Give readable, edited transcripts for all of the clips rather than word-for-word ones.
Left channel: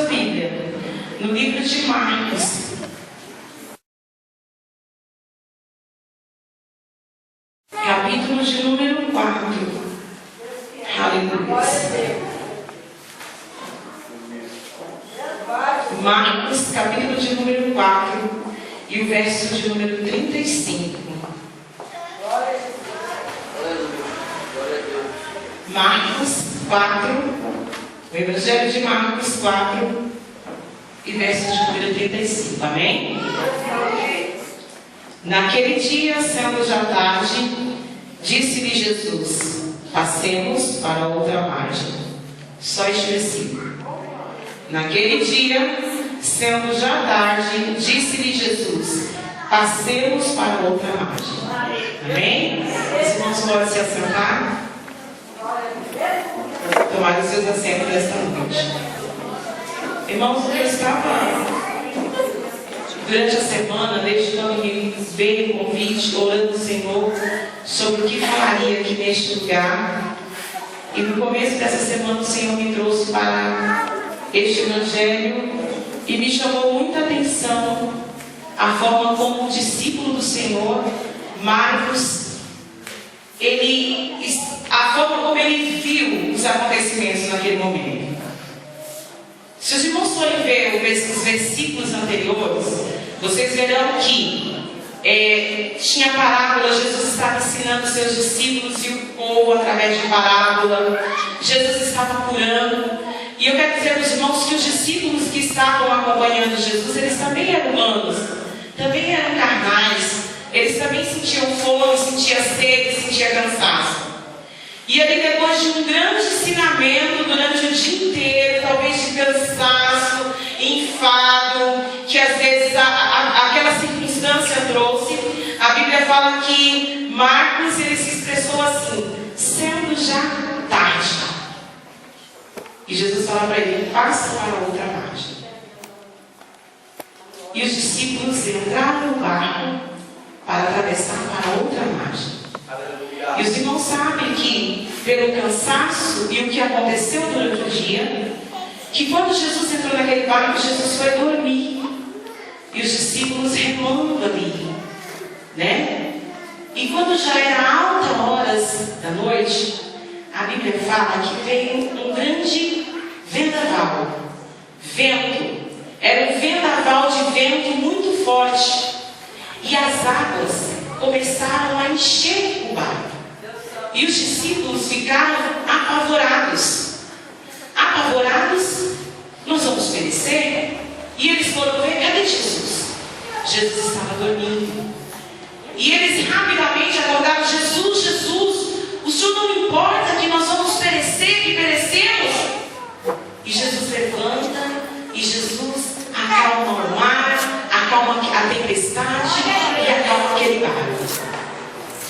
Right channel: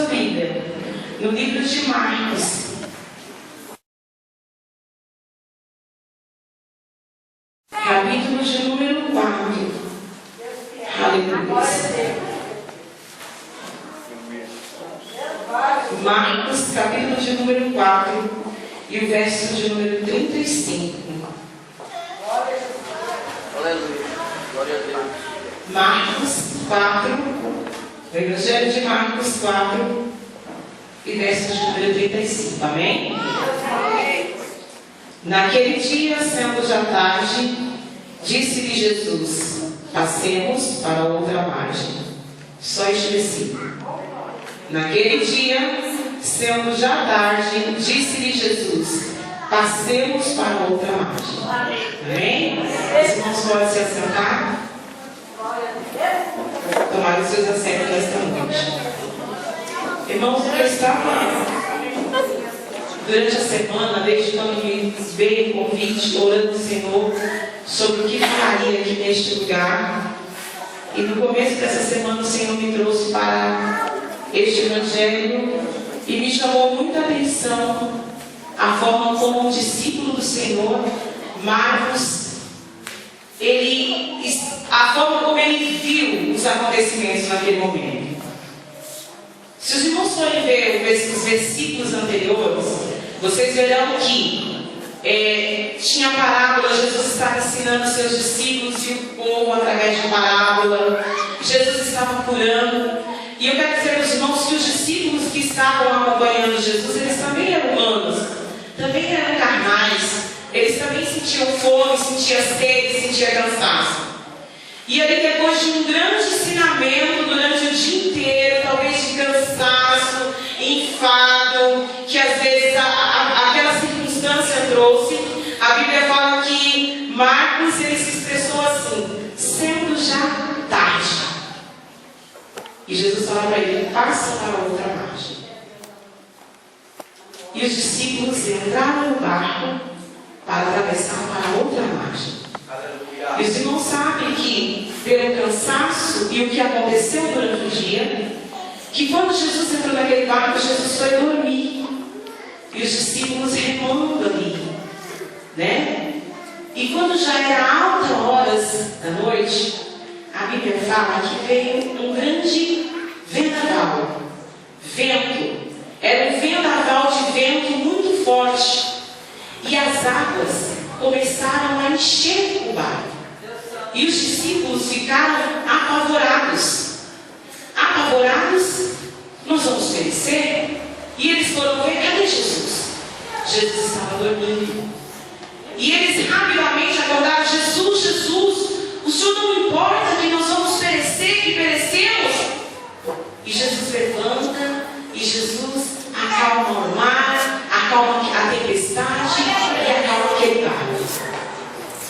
sua Bíblia no livro de Marcos, capítulo de número 4. Aleluia. Marcos, capítulo de número 4 e o verso de número 35. Marcos 4, o Evangelho de Marcos 4 e verso de número 35. Amém? Naquele dia, sendo já tarde, disse-lhe Jesus: passemos para outra margem. Só este versículo. Naquele dia, sendo já tarde, disse-lhe Jesus: passemos para outra margem. Amém? Os irmãos podem se assentar? Tomar os seus assentos nesta noite. Irmãos, eu estava durante a semana, desde quando me veio o convite, orando ao Senhor sobre o que falaria aqui neste lugar. E no começo dessa semana o Senhor me trouxe para este Evangelho e me chamou muita atenção a forma como o discípulo do Senhor, Marcos, a forma como ele viu os acontecimentos naquele momento. Se os irmãos forem ver os versículos anteriores, vocês verão que tinha parábola. Jesus estava ensinando os seus discípulos e o povo através de parábola. Jesus estava curando. E eu quero dizer para os irmãos que os discípulos que estavam acompanhando Jesus, eles também eram humanos, também eram carnais, eles também sentiam fome, sentiam sede, sentiam cansaço. E ali, depois de um grande ensinamento durante o dia inteiro, talvez de cansaço, enfado, que às vezes aquela circunstância trouxe, a Bíblia fala que Marcos, ele se expressou assim: sendo já tarde. E Jesus fala para ele: passa para outra margem. E os discípulos entraram no barco para atravessar para outra margem. E os irmãos sabem que, pelo cansaço e o que aconteceu durante o dia, que quando Jesus entrou naquele barco, Jesus foi dormir. E os discípulos remando ali, né? E quando já era altas horas da noite, a Bíblia fala que veio um grande vendaval. Vento. Era um vendaval de vento muito forte. E as águas começaram a encher o barco. E os discípulos ficaram apavorados. Apavorados, nós vamos perecer? E eles foram ver: cadê Jesus? Jesus estava dormindo. E eles rapidamente acordaram: Jesus, Jesus, o Senhor não importa que nós vamos perecer, que perecemos? E Jesus levanta, e Jesus acalma o mar, acalma a tempestade e acalma aquele barco.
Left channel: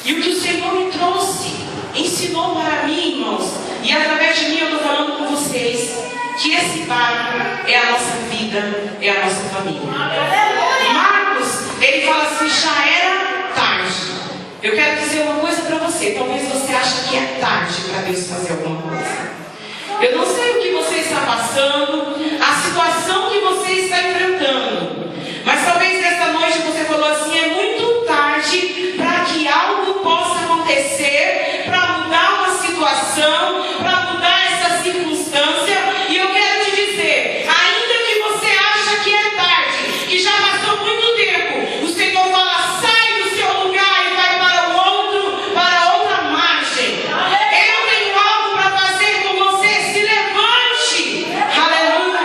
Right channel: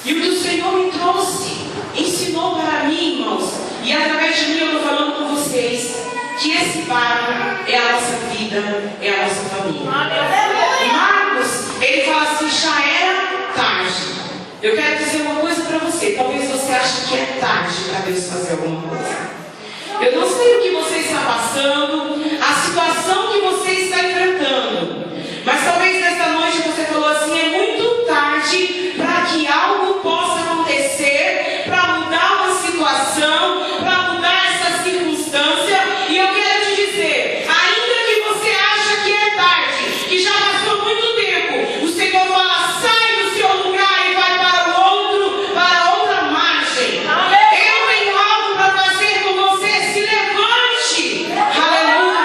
E o que o Senhor me trouxe, ensinou para mim, irmãos, e através de mim eu estou falando com vocês, que esse barco é a nossa vida, é a nossa família. Marcos, ele fala assim: já era tarde. Eu quero dizer uma coisa para você. Talvez você ache que é tarde para Deus fazer alguma coisa. Eu não sei o que você está passando, a situação que você está enfrentando, mas talvez nesta noite você falou assim: é muito tarde para que algo possa acontecer, para mudar uma situação, para mudar essa circunstância. E eu quero te dizer, ainda que você acha que é tarde, que já passou muito tempo, o Senhor fala: sai do seu lugar e vai para outra margem. Eu tenho algo para fazer com você. Se levante, aleluia.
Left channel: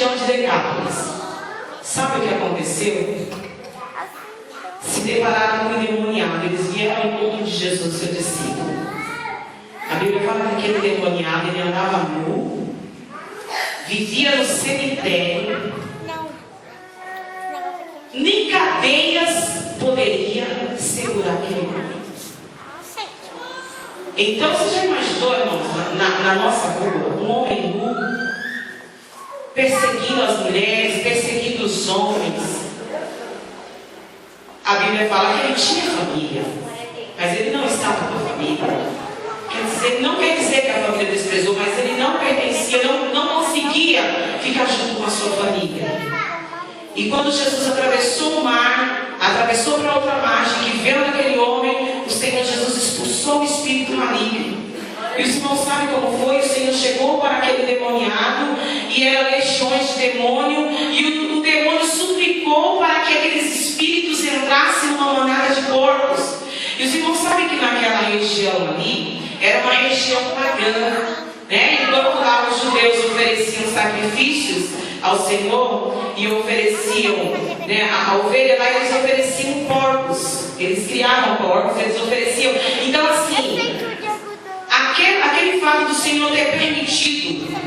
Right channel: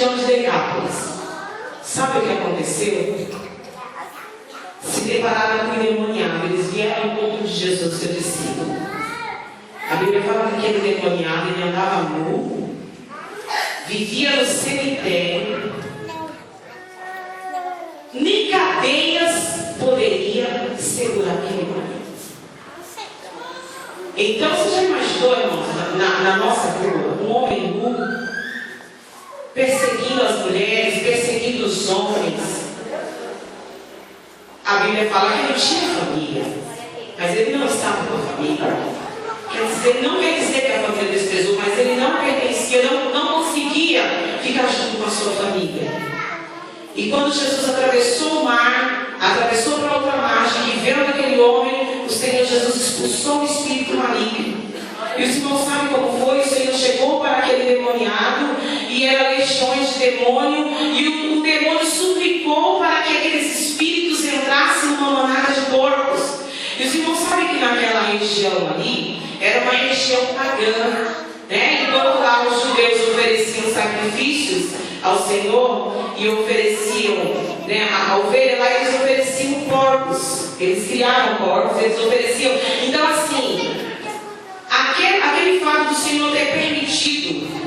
região de Decápolis. Sabe o que aconteceu? Se depararam com o endemoniado. Eles vieram ao encontro de Jesus, seu discípulo. A Bíblia fala que aquele endemoniado, ele andava nu, vivia no cemitério, nem cadeias poderia segurar aquele homem. Então você já imaginou, irmãos, na nossa rua, um homem nu perseguindo as mulheres, perseguindo os homens? A Bíblia fala que ele tinha família, mas ele não estava com a família. Quer dizer, não quer dizer que a família desprezou, mas ele não pertencia, não conseguia ficar junto com a sua família. E quando Jesus atravessou o mar, atravessou para outra margem, que veio naquele homem, o Senhor Jesus expulsou o espírito maligno. E os irmãos sabem como foi? O Senhor chegou para aquele demoniado, e eram legiões de demônio, e o demônio suplicou para que aqueles espíritos entrassem numa manada de porcos. E os irmãos sabem que naquela região ali, era uma região pagã, né? Enquanto lá os judeus ofereciam sacrifícios ao Senhor e ofereciam, né, a ovelha, lá eles ofereciam porcos, eles criavam porcos, eles ofereciam. Então assim, aquele fato do Senhor ter permitido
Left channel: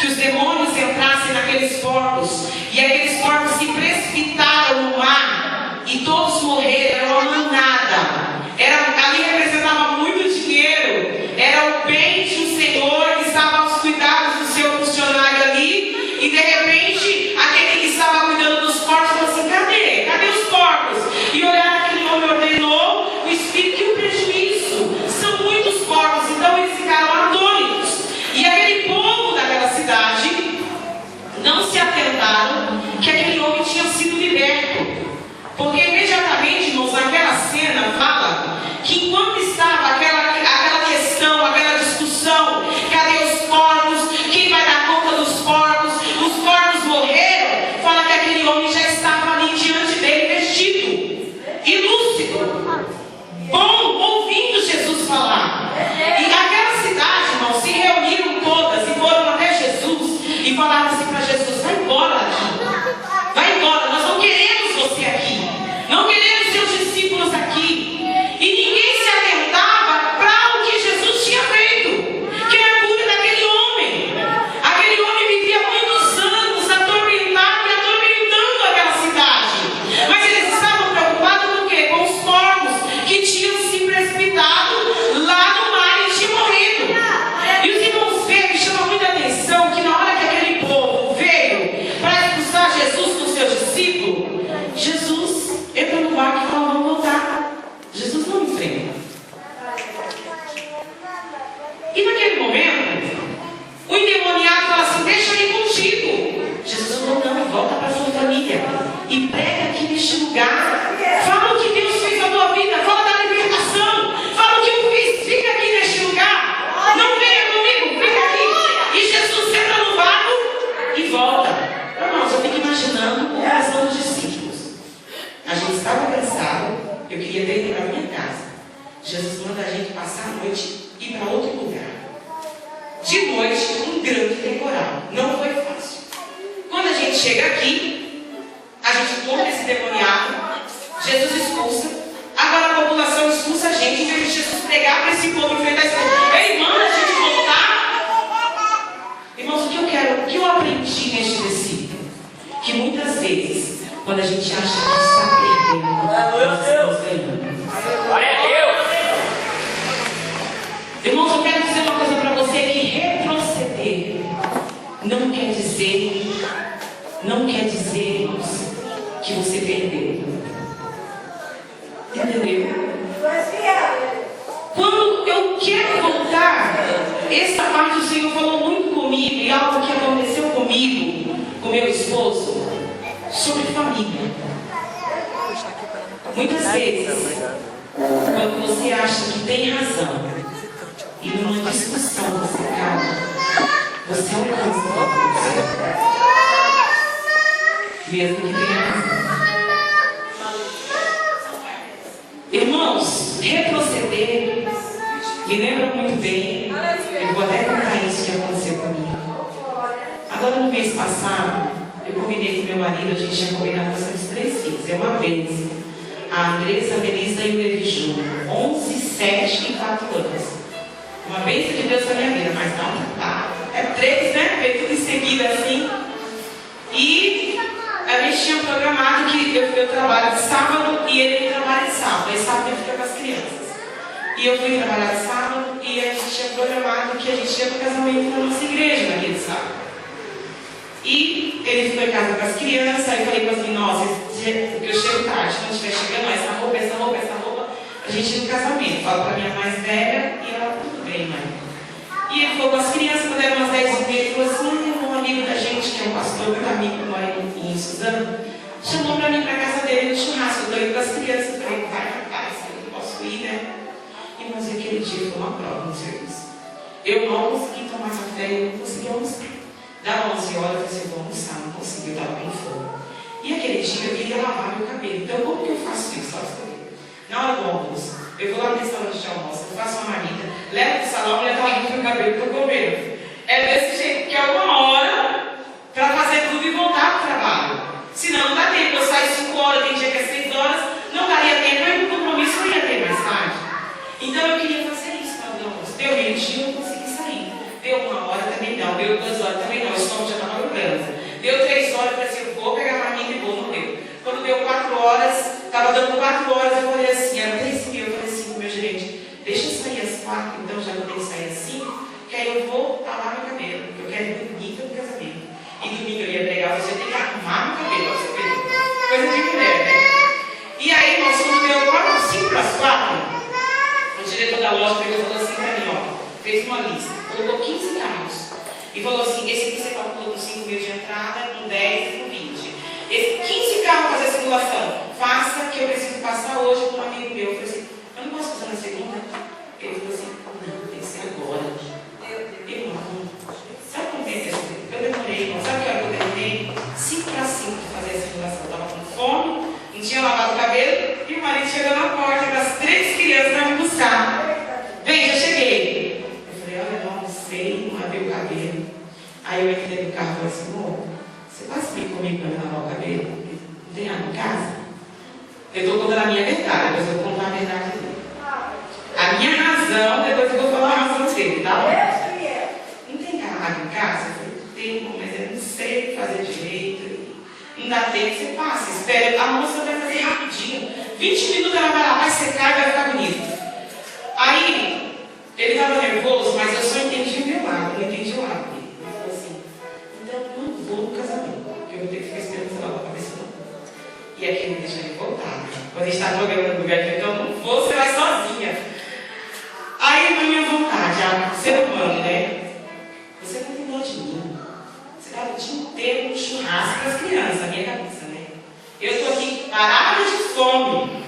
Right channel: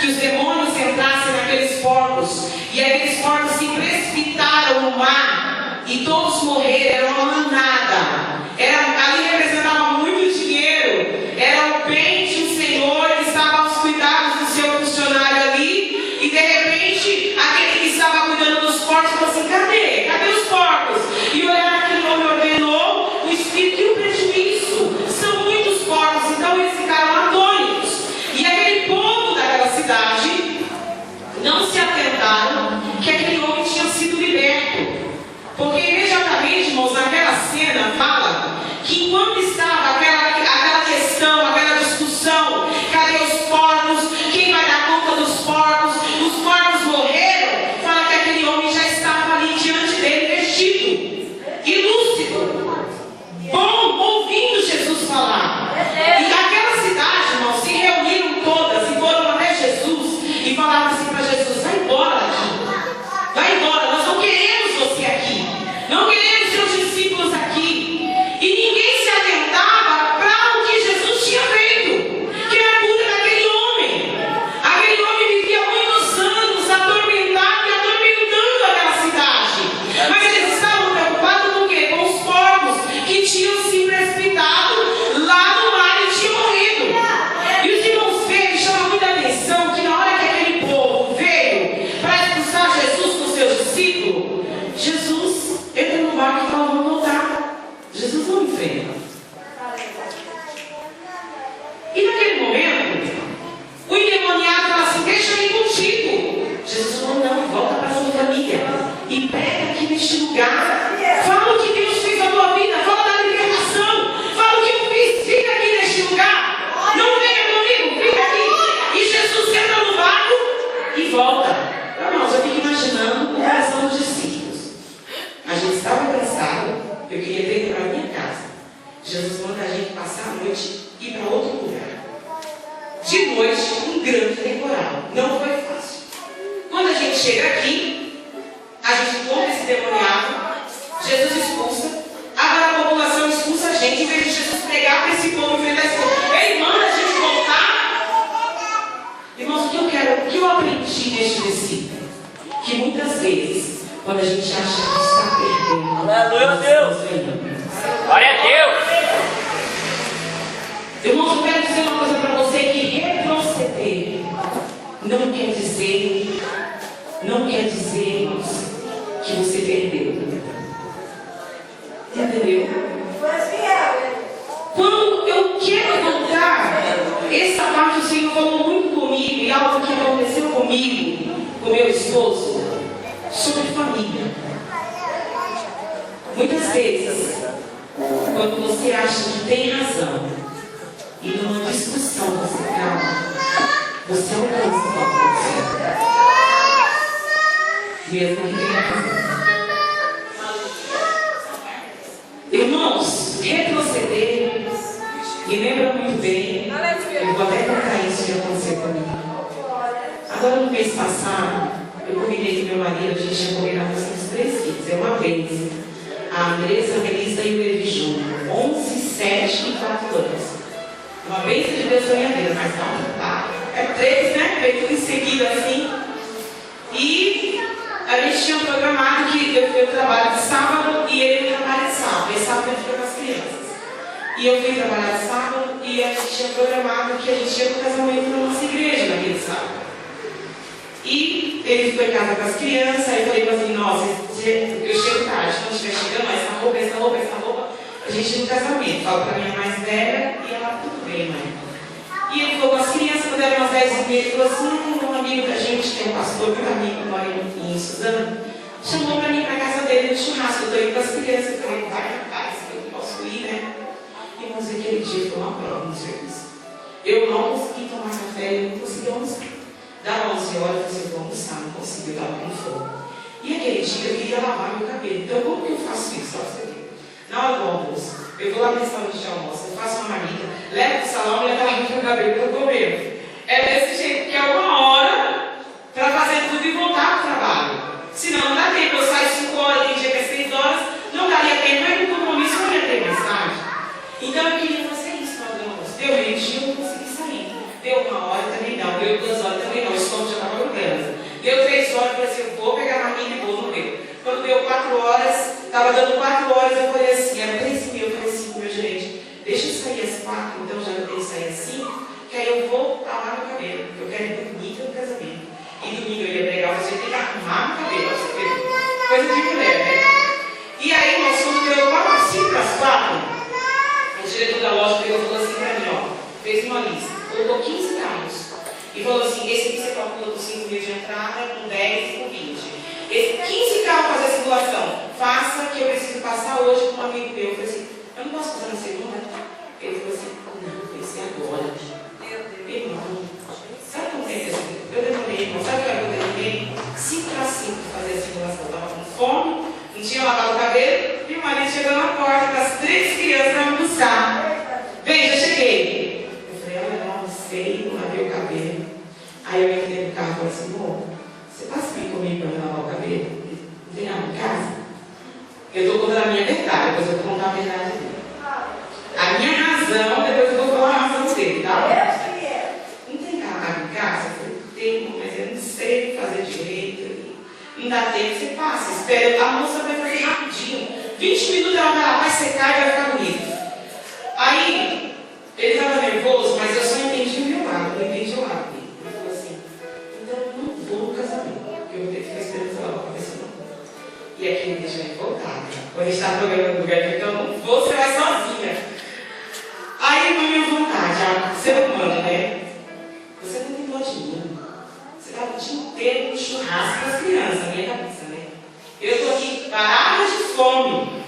que os demônios entrassem naqueles porcos, e aqueles porcos se precipitaram no mar e todos morreram, era uma manada, ali representava muito dinheiro, era o bem de um Senhor que estava aos cuidados do seu funcionário ali, e de repente aquele que estava cuidando dos porcos falou assim: cadê os porcos? E olharam, aquele homem ordenou, o espírito, que o prejuízo, são muitos porcos. Então eles ficaram atônitos, e aquele povo daquela cidade não se atentaram que aquele homem tinha sido liberto, porque imediatamente, irmãos, naquela cena fala que enquanto estava aquela questão, aquela discussão, cadê os porcos, quem vai dar conta dos porcos, os porcos morreram, fala que aquele homem já estava ali diante dele, vestido e lúcido, bom, ouvindo Jesus falar. E aquela cidade, irmãos, se reuniram todas e foram até Jesus e falaram assim para Jesus: vai embora daqui, vai embora, nós não queremos você aqui, não queremos seus discípulos aqui. E ninguém se atentava para o que Jesus tinha feito, que era a cura daquele homem. Aquele homem vivia muitos anos atormentado e atormentando aquela cidade, mas eles estavam preocupados com o quê? Com os porcos que tinham se precipitado lá no mar e tinham morrido. E os irmãos veem, chama muita atenção que na hora que aquele povo veio para expulsar Jesus com seus discípulos, Jesus entra no barco e fala: vamos voltar. Jesus não enfrenta. E naquele momento, o endemoniado fala assim: deixa eu ir contigo. Jesus falou: não, volta para a sua família e prega aqui neste lugar. Fala o que Deus fez na tua vida, fala da libertação, fala o que eu fiz, fica aqui neste lugar. Não venha comigo, fica aqui. E Jesus entra no barco e volta. Irmãos, eu fico imaginando o coração dos discípulos. A gente estava cansado, eu queria ter ido para a minha casa. Jesus manda a gente passar a noite e ir para outro lugar. De noite, um grande temporal. Não foi fácil. Quando a gente chega aqui, a gente encontra esse demoniado, Jesus expulsa. Agora a população expulsa a gente, em vez de Jesus pregar para esse povo enfrentar esse povo. Ele manda a gente voltar. Irmãos, o que eu aprendi neste versículo? Que muitas vezes, quando a gente acha que está perdendo, nós estamos ganhando. Glória a Deus! Irmãos, eu quero dizer uma coisa para você: que retroceder não quer dizer, irmãos, que você perdeu. Entendeu? Quando eu quero voltar, essa parte o Senhor falou muito comigo, e algo que aconteceu comigo, com meu esposo, sobre família. Muitas vezes, quando você acha que tem razão, e numa discussão você calma, você alcança o propósito, mesmo que tenha razão. Irmãos, retroceder me lembra muito bem. Eu vou até contar isso que aconteceu comigo. Agora, no mês passado, marido, a gente tinha combinado com os 3 filhos. É uma vez. A Andressa, a Melissa e o Evi Júnior. 11, 7 e 4 anos. Uma bênção de Deus na minha vida, mas não, tá? É 3, né? Veio tudo em seguida assim. E a gente tinha programado que eu trabalho de sábado e ele trabalha de sábado. E sábado ele fica com as crianças. E eu fui trabalhar de sábado e a gente tinha programado que a gente ia para o casamento na nossa igreja naquele sábado. E ele ficou em casa com as crianças, aí eu falei com assim, nossa, porque eu chego tarde, quando estiver chegando, essa roupa, a gente ir no casamento. Falo para a minha mais velha e ela, tudo bem, mãe. E ele ficou com as crianças, quando eram umas 10h30, ele falou assim, um amigo da gente, que é um pastor, muito amigo, mora em Suzano, chamou para mim para a casa dele no churrasco. Eu estou indo com as crianças, eu falei, vai, rapaz, eu não posso ir, né? Mas aquele dia foi uma prova no serviço. Eu não consegui tomar café, eu não consegui almoçar. Dava 11 horas, eu falei, vou almoçar, não consegui, eu estava com fome. E aquele dia eu queria lavar meu cabelo. Então, como que eu faço isso? Na hora do almoço, eu vou lá no restaurante de almoço, eu faço uma marmita, levo para o salão e já estava lavando meu cabelo, estou comendo. É desse jeito, que é 1 hora para fazer tudo e voltar para o trabalho. Senão, não dá tempo. Eu saio 5 horas, tem dia que é 6 horas, não daria tempo, eu no compromisso eu ia ter mais tarde. Então eu queria fazer isso na hora do almoço. Deu meio-dia, eu não consegui sair. Deu 1 hora, também não. Deu 2 horas, também não. O estômago já estava grudando. Deu 3 horas, eu falei assim, eu vou pegar a marmita e vou, não deu. Quando deu 4 horas, estava dando 4 horas, eu falei assim, era 3h30, eu falei assim pro meu gerente, deixa eu sair às 4, então já que eu tenho que sair às 5, que aí eu vou lavar meu cabelo, porque eu quero ir domingo no casamento. E domingo eu ia pregar, você tem que arrumar meu cabelo, pra você ver. Coisa de mulher, né? E aí, nós quando deu 5 para as 4, o diretor da loja pegou e falou assim para mim, ó, fez uma lista, colocou 15 carros e falou assim, esse aqui você calculou com 5 mil de entrada, com 10 e com 20. Esse 15 carros fazer a simulação, faça que eu preciso passar hoje com um amigo meu. Eu falei assim, eu não posso fazer na segunda? Ele falou assim, não, tem que ser agora. Irmão, sabe como é que eu demorei, irmão, sabe o que eu demorei? 5 para 5 para fazer a simulação, eu estava com fome, não tinha lavado o cabelo, e o marido chegou na porta com as 3 crianças para me buscar. Vem, já cheguei. Eu falei, olha, não sei, não lavei o cabelo. Aí eu entrei no carro e falei assim, amor, você passa bem comigo para me lavar o cabelo? Não tem água em casa? Eu estou contando a minha verdade, depois eu vou contar a verdade dele. A minha razão, depois eu vou falar a razão dele, tá? Não tem água em casa? Eu falei, tem, mas eu não sei fazer direito. Não dá tempo, você passa, espera, a moça vai fazer rapidinho. 20 minutos ela vai lá, vai secar e vai ficar bonito. Aí, ele estava nervoso, mas eu só entendi o meu lado, não entendi o lado dele. Ele falou assim, então eu não vou no casamento, porque eu vou ter que ficar esperando ela lavar a cabeça não. E aqui me deixa ele voltar. Quando a gente está programando no lugar que eu não vou, você vai sozinha. Aí, na minha vontade, ser humano, né? Você não tem dó de mim. Você estava o dia inteiro no churrasco com as crianças, a minha cabeça, né? Eu estou aqui parada de fome.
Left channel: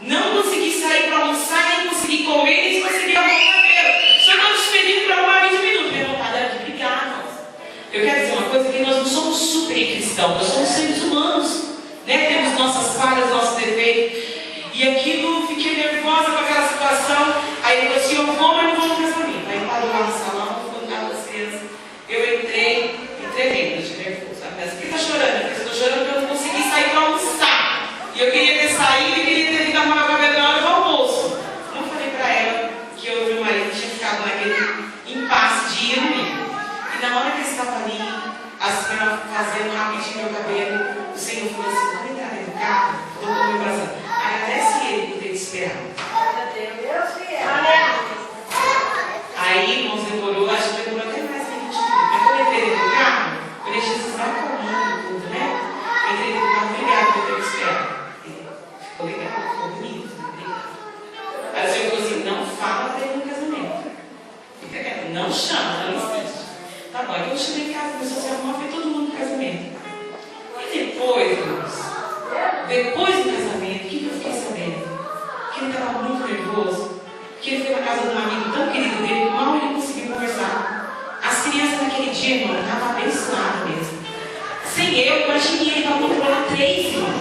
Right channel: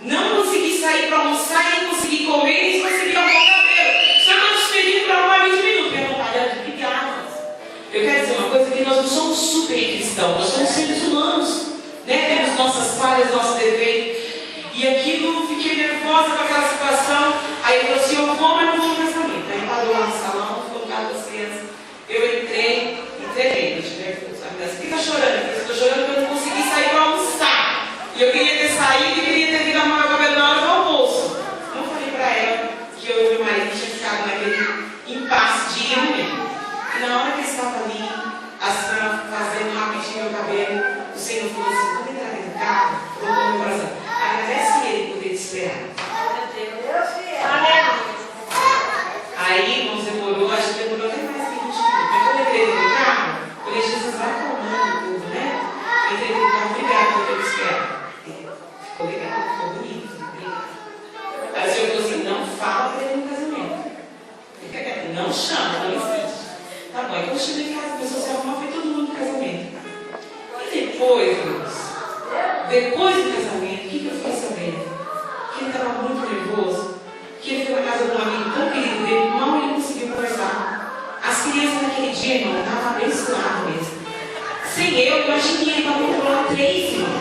Não consegui sair para almoçar, nem consegui comer, nem consegui arrumar o cabelo. Só nós te pedimos para arrumar 20 minutos. Minha vontade era de brigar, nós. Eu quero dizer uma coisa, que nós não somos super cristãos, nós somos seres humanos. Né? Temos nossas falhas, nossos defeitos. E aquilo, fiquei nervosa com aquela situação. Aí ele falou assim, eu vou, mas não vou no casamento. Aí parou lá no salão, ficou no carro das crianças. Eu entrei eu tive nervoso. Por que está chorando? Eu estou chorando porque eu não consegui sair para almoçar. E eu queria ter saído e queria ter vindo arrumar o cabelo na hora do almoço. Não falei para ela que eu e meu marido tinha ficado naquele impasse de ir domingo. E na hora que eu estava ali, fazendo rapidinho meu cabelo, o Senhor falou assim, quando entrar dentro do carro, colocou no meu coração, agradece ele por ter te esperado. Aí, irmãos, demorou, acho que demorou até mais que 20 minutos. Mas quando eu entrei dentro do carro, eu falei, Jesus, vai calmando tudo, né? Eu entrei dentro do carro, obrigado por ter te esperado. Ficou legal, ficou bonito, obrigado. Aí o Senhor falou assim, não fala para ele no casamento. Fica quieto, não chama, não insiste. Tá bom, então eu cheguei em casa, começou a se arrumar, foi todo mundo no casamento. E depois, irmãos, depois do casamento, o que eu fiquei sabendo? Que ele estava muito nervoso, que ele foi na casa de um amigo tão querido dele, mal ele conseguiu conversar. As crianças naquele dia, irmão, estavam abençoadas mesmo. Sem eu, imaginei ele para controlar 3, irmão.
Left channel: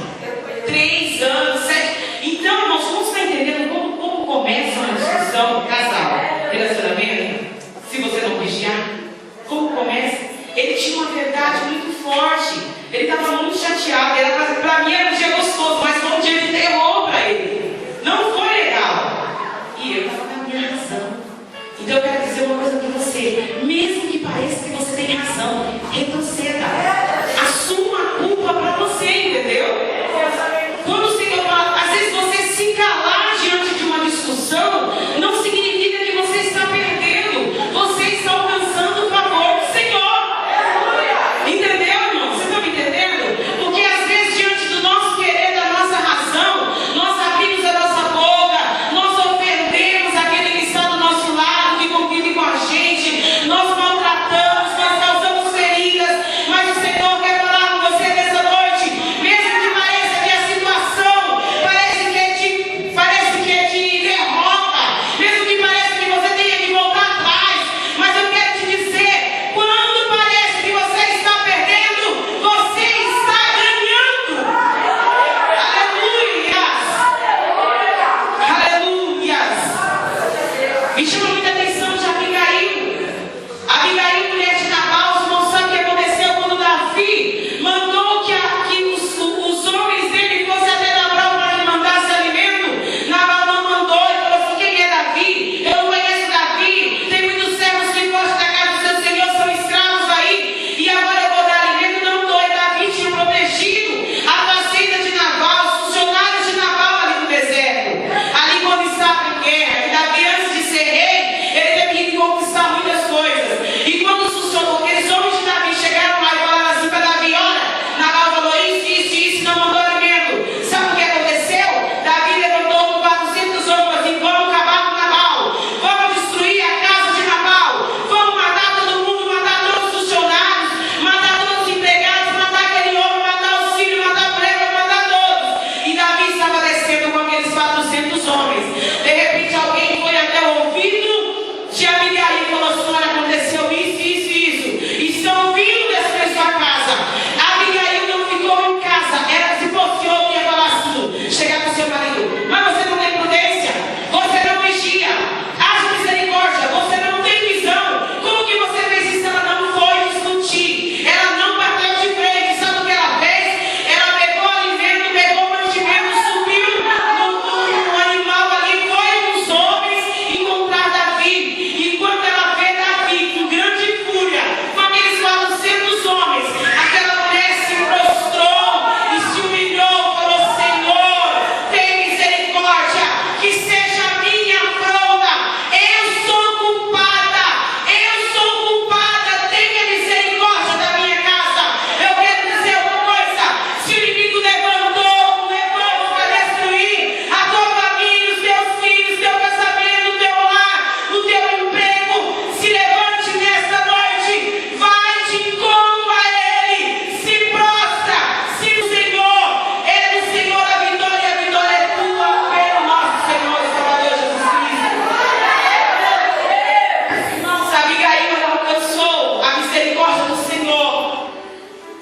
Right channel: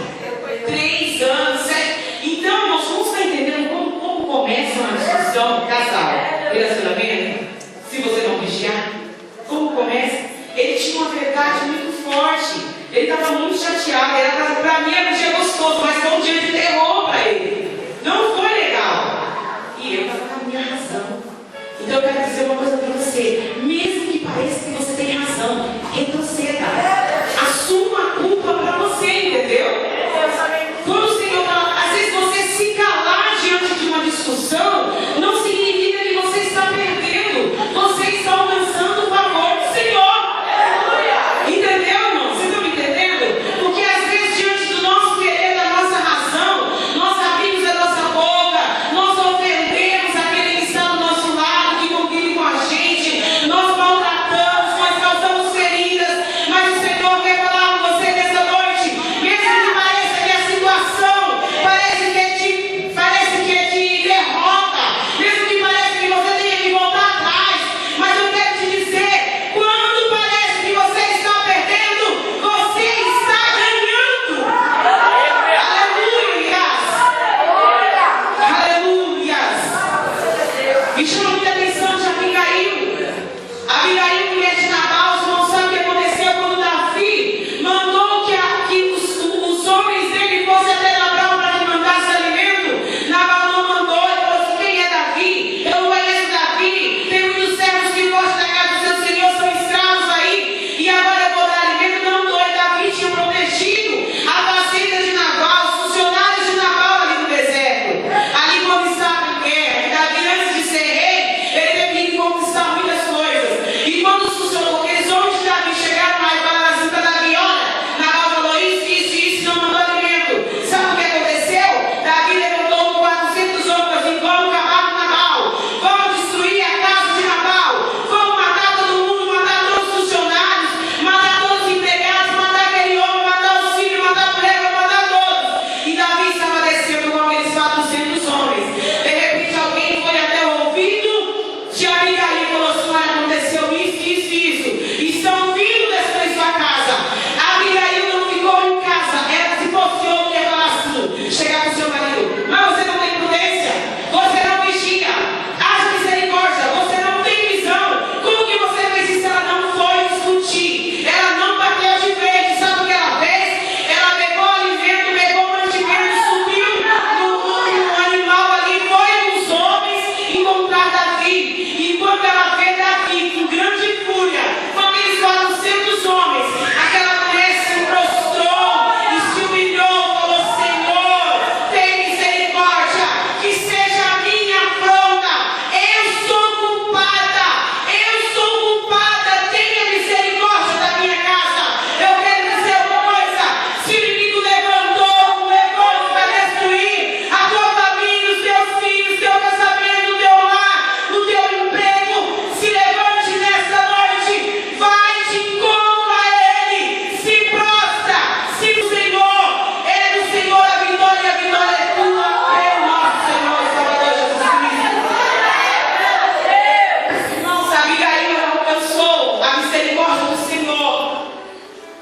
3 anos, 7. Então, irmãos, como você está entendendo como começa uma discussão, casal, relacionamento? Se você não vigiar, como começa? Ele tinha uma verdade muito forte. Ele estava muito chateado. Para mim era um dia gostoso, mas foi um dia de terror para ele. Não foi legal. E eu estava na minha razão. Então eu quero dizer uma coisa para você. Mesmo que pareça que você tem razão, retroceda. Assuma a culpa para você, entendeu? Quando o Senhor fala, às vezes você se calar diante de uma discussão, não significa que você está perdendo. Você está alcançando o favor do Senhor. Entendeu, irmão? Você está me entendendo? Porque às vezes, diante do nosso querer, da nossa razão, nós abrimos a nossa boca, nós ofendemos aquele que está do nosso lado, que convive com a gente, nós maltratamos, nós causamos feridas, mas o Senhor quer falar com você nessa noite, mesmo que pareça que a situação parece que te derrota, mesmo que pareça que você tenha que voltar atrás, mas eu quero te dizer, quando parece que você está perdendo, você está ganhando. Aleluias. Me chama muita atenção de Abigail. Abigail, mulher de Nabal, você não sabe o que aconteceu quando Davi mandou que os homens dele fossem até Nabal para que mandasse alimento. Nabal não mandou, ele falou assim: quem é Davi? Eu não conheço Davi. Tem muitos servos que gostam da casa do seu senhor, são escravos aí, e agora eu vou dar alimento. Não dou. E Davi tinha protegido a fazenda de Nabal, os funcionários de Nabal ali no deserto, ali quando estava em guerra. E Davi, antes de ser rei, ele teve que conquistar muitas coisas. E quando aqueles homens de Davi chegaram lá e falaram assim para Davi: olha, Nabal falou isso, não mandou alimento. Sabe o que aconteceu? Davi levantou com 400 homens e vamos acabar com Nabal, vamos destruir a casa de Nabal, vamos matar todo mundo, matar todos os funcionários, matar todos os empregados, matar aquele homem, matar os filhos, matar a mulher, matar todos. E Davi estava descendo com aqueles 400 homens. De repente alguém foi até o ouvido de Abigail e falou assim: olha, aconteceu isso. E estão vindo destruir sua casa. Abigail não ficou em casa. Era, se fosse homem, ia falar assim, chegar para o seu marido: mas você não tem prudência, você não vigia, haja misericórdia, você não tem visão. Como que você fez isso? Ela não foi discutir, ela não bateu de frente. Sabe o que ela fez? Ela pegou alimento, pegou mantimento, subiu no animal ali, foi com os homens encontrar Davi. E quando ela vê Davi com grande fúria, com aqueles 400 homens, aquela mulher se prostrou e se humilhou, falou: Senhor, tem misericórdia, que seja a minha afronta, eu sou culpada, tenha misericórdia da minha casa. Eu quero dizer uma coisa: se o inimigo levanta para destruir a tua família, os teus filhos, teu casamento, o teu lar, o teu emprego, se levante nesta noite, vai de encontro a ele, se prostra, se o Senhor, é do Senhor a vitória é tua, pelo nosso Senhor e Salvador Jesus Cristo. Irmãos, Abigail, ela alcançou a misericórdia do Senhor.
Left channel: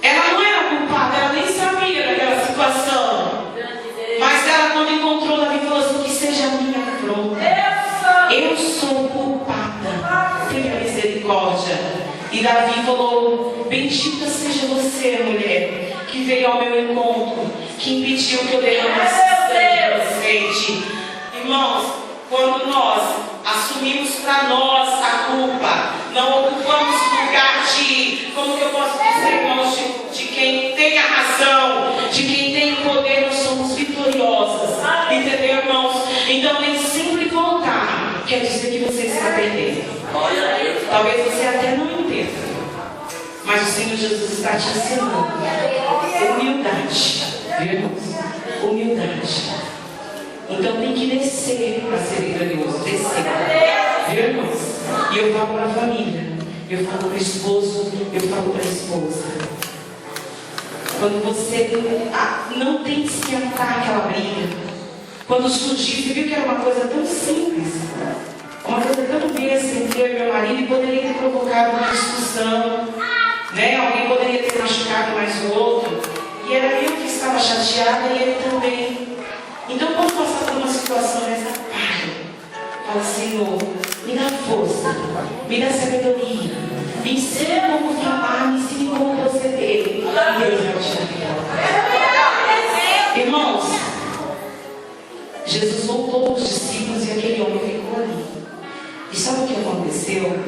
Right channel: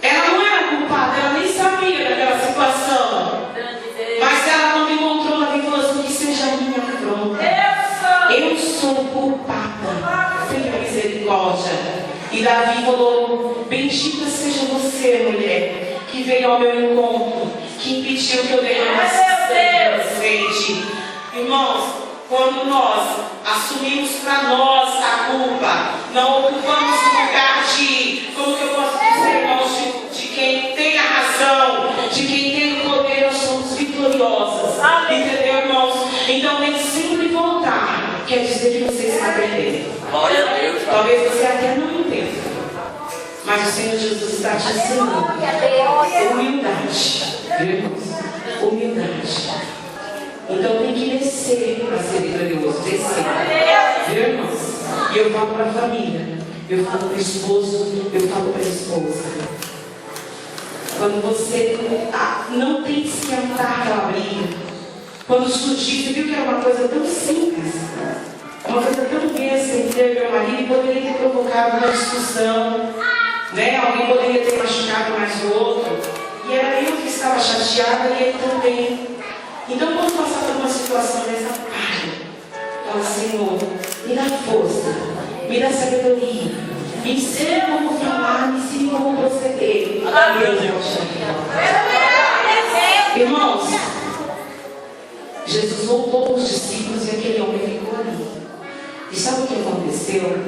Ela não era culpada, ela nem sabia daquela situação. Mas ela, quando encontrou Davi, falou assim: que seja a minha afronta. Eu sou culpada. Tenha misericórdia. E Davi falou: bendita seja você, mulher, que veio ao meu encontro, que impediu que eu derramasse sangue inocente. Irmãos, quando nós assumimos para nós a culpa, não ocupamos o lugar de, como que eu posso dizer, irmãos, de quem tem a razão, de quem tem o poder, nós somos vitoriosas. Entendeu, irmãos? Então, nem sempre voltar quer dizer que você está perdendo. Talvez você até não entenda, mas o Senhor Jesus está te ensinando humildade, viu, irmãos? Humildade. Então tem que descer para ser vitorioso, descer, viu, irmãos? E eu falo para a família, eu falo para o esposo, eu falo para a esposa. Quando você não tem que esquentar aquela briga, quando surgir, você viu que era uma coisa tão simples, uma coisa tão besta entre eu e meu marido, e poderia ter provocado uma discussão, né? Alguém poderia ter machucado mais o outro, e era eu que estava chateada e ele também. Então, quando passar por uma situação dessa, fala: Senhor, me dá força, me dá sabedoria, me ensina como falar, me ensina como proceder, e eu já te Jesus voltou para os discípulos e aquele homem ficou ali. E sabe o que aconteceu?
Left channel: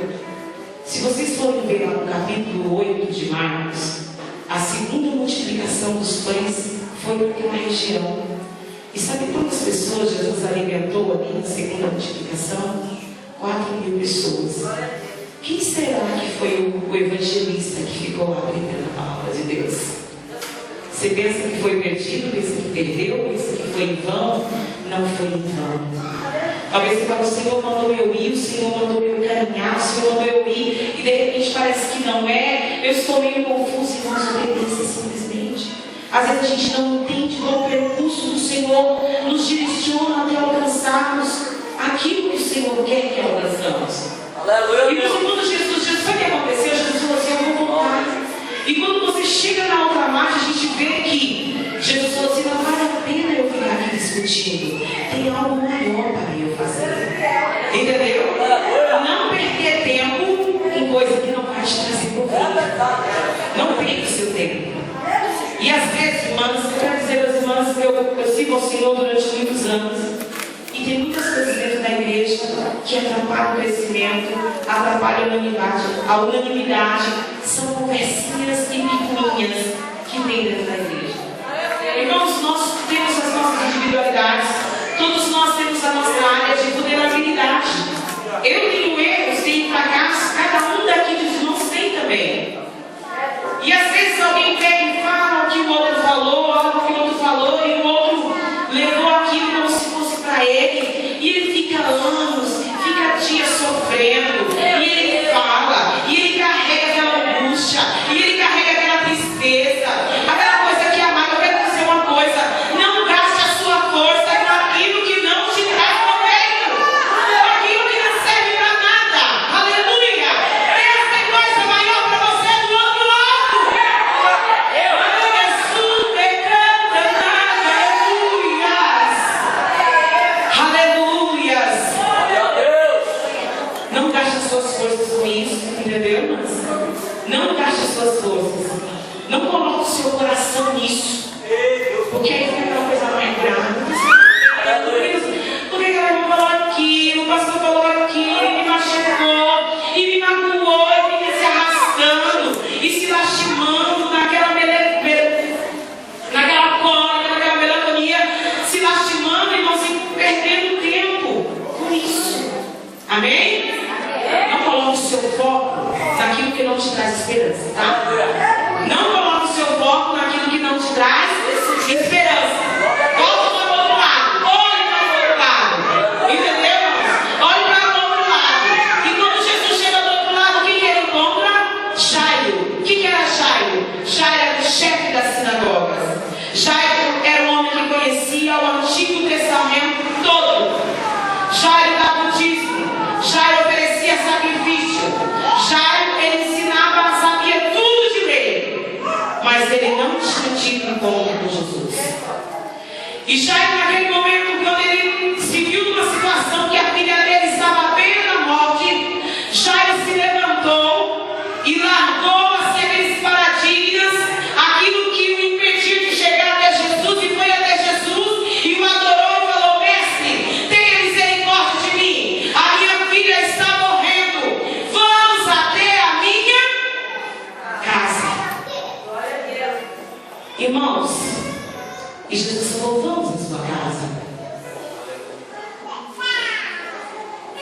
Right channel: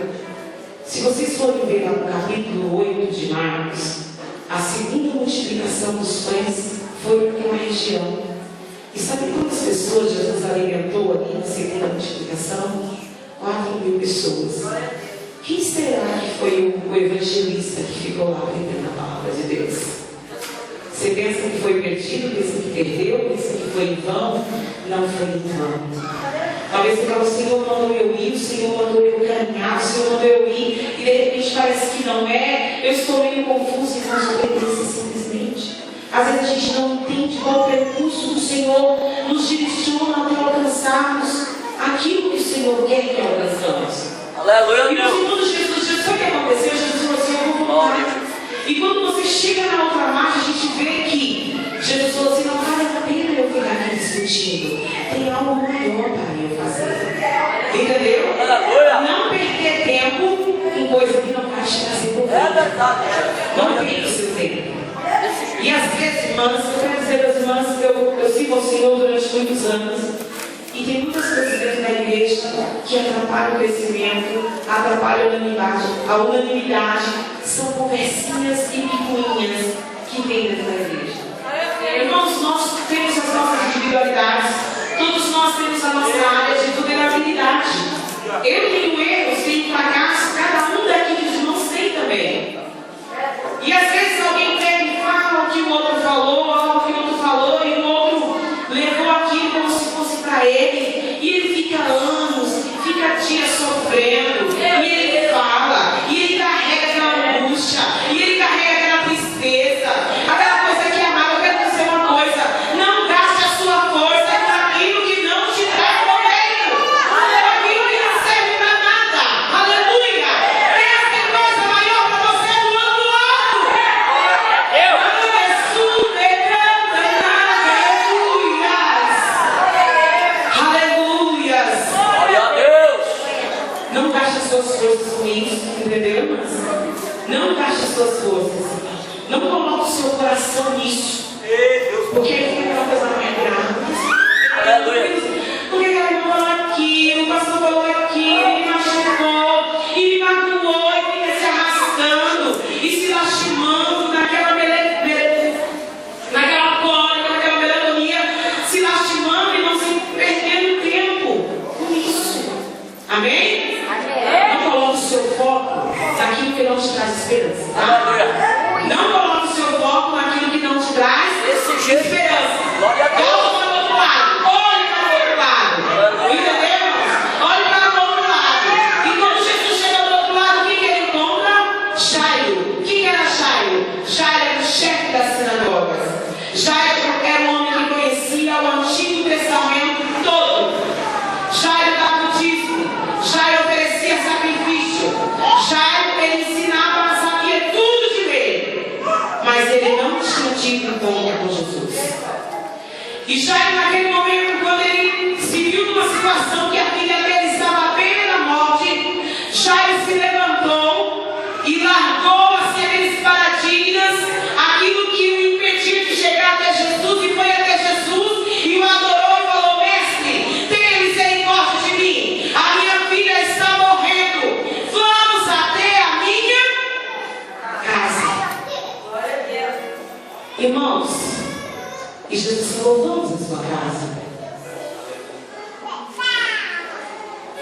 Se vocês forem ver no capítulo 8 de Marcos, a segunda multiplicação dos pães foi naquela região. E sabe quantas pessoas Jesus alimentou ali na segunda multiplicação? 4.000 pessoas. Quem será que foi o evangelista que ficou lá aprendendo a palavra de Deus? Você pensa que foi perdido, pensa que perdeu, pensa que foi em vão? Não foi em vão. Talvez você fale, o Senhor mandou eu ir, o Senhor mandou eu caminhar, o Senhor mandou eu ir, e de repente parece que não é. Eu estou meio confuso, irmãos, obedeça simplesmente. Às vezes a gente não entende qual o percurso do Senhor nos direciona até alcançarmos aquilo que o Senhor quer que alcançamos. Aleluia. E quando Jesus disse, sabe o que aconteceu? Jesus falou assim, eu vou voltar. E quando você chega na outra marcha, a gente vê que Jesus falou assim, não vale a pena eu ficar aqui discutindo. Tem algo maior para eu fazer. Entendeu? Não perder tempo em coisa que não vai te trazer proveito. Não perca o seu tempo. E às vezes, irmãs, eu quero dizer às irmãs que eu sigo ao Senhor durante muitos anos. E tem muitas coisas dentro da igreja que atrapalham o crescimento, atrapalham a unanimidade. São conversinhas e picuinhas que tem dentro da igreja. Irmãos, nós temos as nossas individualidades. Todos nós temos a nossa área de vulnerabilidade. Eu tenho erros, tenho fracassos, cada um daqui dos irmãos tem também. E às vezes alguém pega e fala o que o outro falou, algo que o outro falou, e o outro levou aquilo como se fosse para ele, e ele fica anos, fica dias sofrendo, e ele fala, e ele carrega aquela angústia, e ele carrega aquela tristeza, aquela coisa que amada. Eu quero dizer uma coisa: não gaste a sua força com aquilo que não te traz proveito, aquilo que não serve para nada. Aleluia! Tem coisa maior para você do outro lado. Não gaste as suas forças com isso, entendeu, irmãs? Não gaste as suas forças. Não coloque o seu coração nisso. Porque aí fica uma coisa mais grave. Porque ela irmã falou aquilo, o pastor falou aquilo, e me machucou, e me magoou, e fica se arrastando, e se lastimando naquela cólera, naquela melancolia, se lastimando, irmãos, e perdendo tempo com isso. Amém? Não coloque o seu foco naquilo que não te traz esperança, tá? Não coloque o seu foco naquilo que não te traz esperança. Volte para o outro lado. Olhe para o outro lado. Entendeu? Olhe para o outro lado. E quando Jesus chega do outro lado, o que ele encontra? Jairo. O que era Jairo? Jairo era o chefe da sinagoga. Jairo era um homem que conhecia o Antigo Testamento todo. Jairo dava o dízimo. Jairo oferecia sacrifício. Jairo, ele ensinava, sabia tudo de lei. Mas ele não tinha tido encontro com Jesus. E Jairo, naquele momento, quando ele se viu numa situação que a filha dele estava à beira da morte, Jairo se levantou e largou as sementes paradigmas, aquilo que o impediu de chegar até Jesus, e foi até Jesus e o adorou e falou: mestre, tenha misericórdia de mim, a minha filha está morrendo, vamos até a minha casa. Irmãos, e Jesus falou: vamos à sua casa.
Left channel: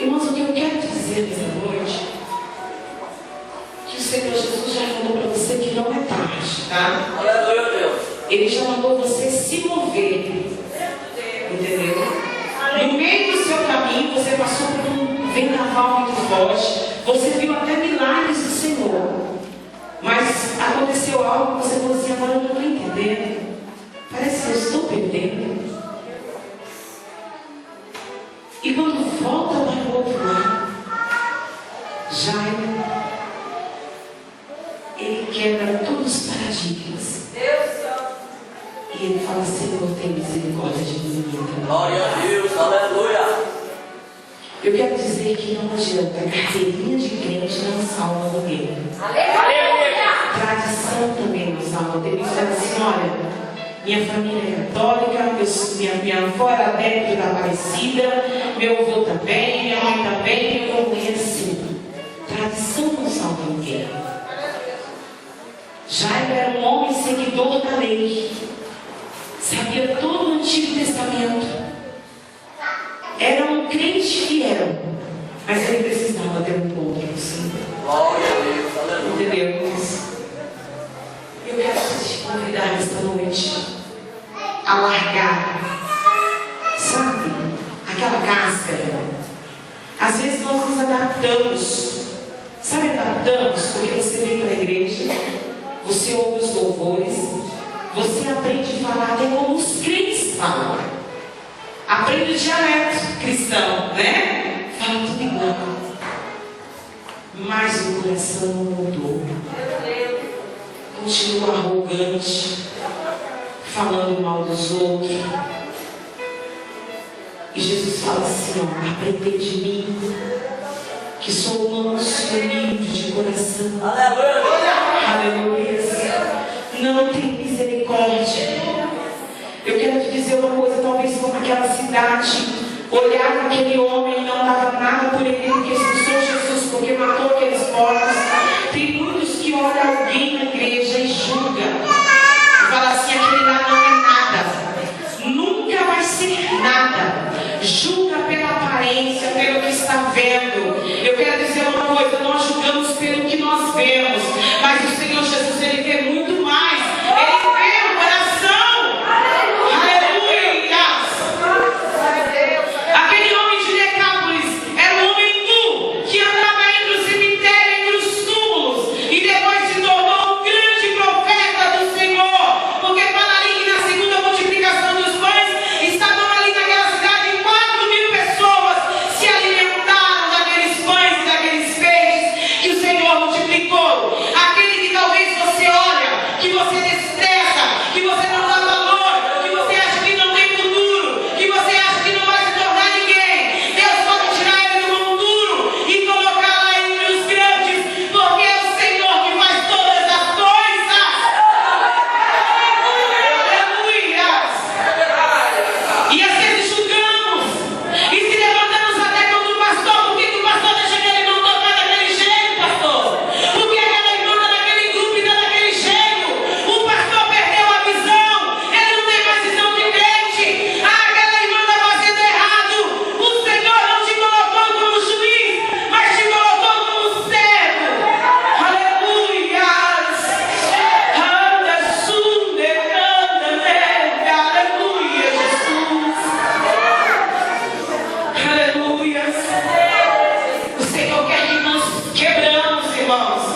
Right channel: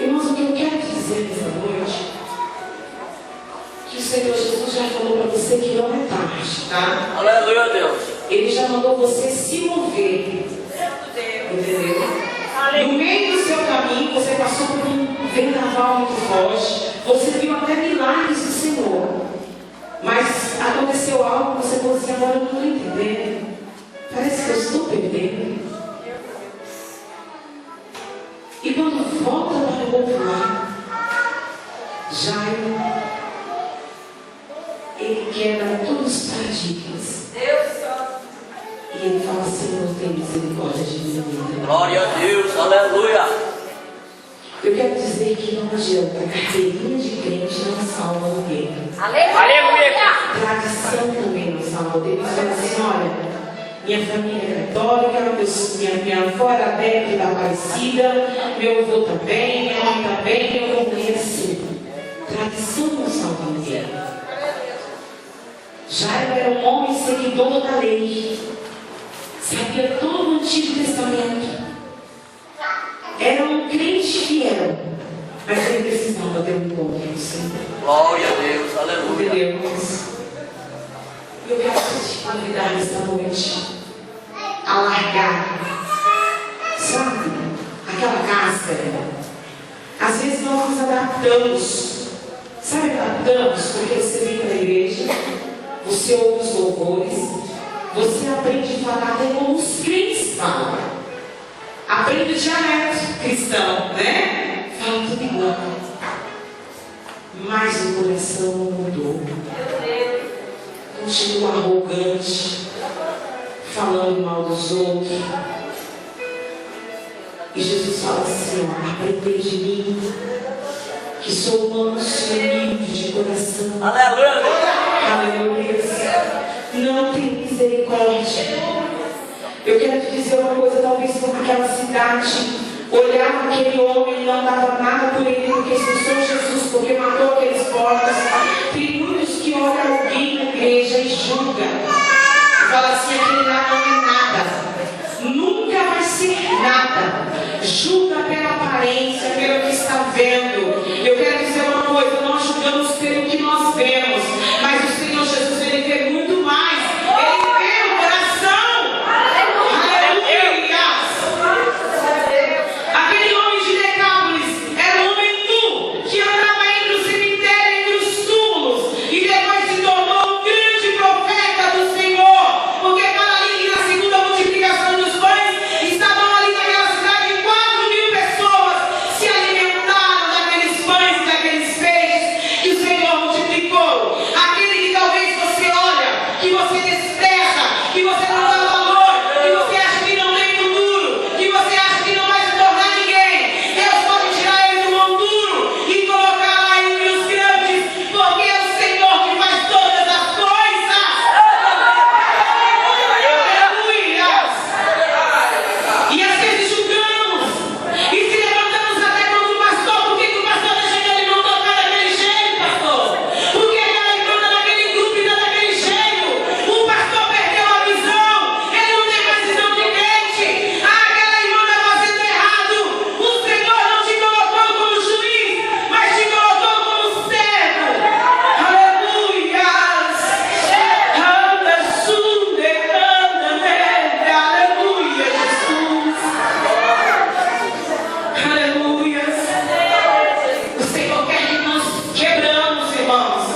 Irmãos, o que eu quero te dizer nessa noite, que o Senhor Jesus já falou para você que não é tarde, tá? Aleluia, Deus. Ele já mandou você se mover. Entendeu? No meio do seu caminho, você passou por um vendaval muito forte. Você viu até milagres do Senhor. Mas aconteceu algo que você falou assim: agora eu não estou entendendo. Parece que eu estou perdendo. E quando volta para o outro lado, Jairo, ele quebra todos os paradigmas. E ele fala: Senhor, tem misericórdia de mim. Glória a Deus, aleluia. Eu quero dizer que não adianta, carteirinha de crente não salva ninguém. Aleluia. Tradição também não salva. Deus fala assim: olha, Minha família é católica, minha avó era adepta da Aparecida, meu avô também, minha mãe também, eu não conheço. Tradição não salva ninguém. Jairo era um homem seguidor da lei, sabia todo o Antigo Testamento, era um crente fiel, mas ele precisava ter um encontro com o Senhor. Glória a Deus, aleluia. Entendeu? Eu quero te convidar nesta noite a largar, sabe, aquela cáscara. Às vezes nós nos adaptamos, sabe, adaptamos porque você vem para a igreja, você ouve os louvores, você aprende a falar até como os crentes falam, aprende o dialeto cristão, né? Fala tudo igual, mas o coração não mudou. Continua arrogante, falando mal dos outros. E Jesus fala assim, ó, aprender de mim, que sou manso e humilde de coração. Aleluia. Não tem misericórdia. Eu quero te dizer uma coisa, talvez como aquela cidade olhava aquele homem e não dava nada por ele, porque expulsou Jesus, porque matou aqueles porcos. Tem muitos que olham alguém na igreja e julgam, e falam assim, aquele lá não é nada, nunca vai ser nada, julga pela aparência, pelo que está vendo. Eu quero dizer uma coisa, nós julgamos pelo que nós vemos, mas o Senhor Jesus, Ele vê muito mais, Ele vê o coração. Aleluia! Aquele homem de Decápolis era um homem nu, que andava entre o cemitério, entre os túmulos, e depois se tornou um grande profeta do Senhor, porque fala ali que na segunda multiplicação dos pães, estavam ali naquela cidade 4.000 pessoas, se alimentaram daqueles pães e daqueles peixes que o Senhor multiplicou. Aquele que talvez você olha, que você despreza, que você não dá valor, que você acha que não tem futuro, que você acha que não vai se tornar ninguém, Deus pode tirar ele do mão duro e colocar lá entre os grandes, porque é o Senhor que faz todas as coisas. Aleluia! E às vezes julgamos e se levantamos até contra o pastor. Por que o pastor deixa aquele irmão tocar daquele jeito, pastor? Por que aquela irmã está daquele grupo e está daquele jeito? O pastor perdeu a visão, ele não tem mais visão de crente. Aquela irmã está fazendo errado. O Senhor não te colocou como juiz, mas te colocou como servo. Aleluia! Anda, sunde, anda, nega. Aleluia, Jesus. Aleluia. O Senhor quer que nós quebramos, irmãos.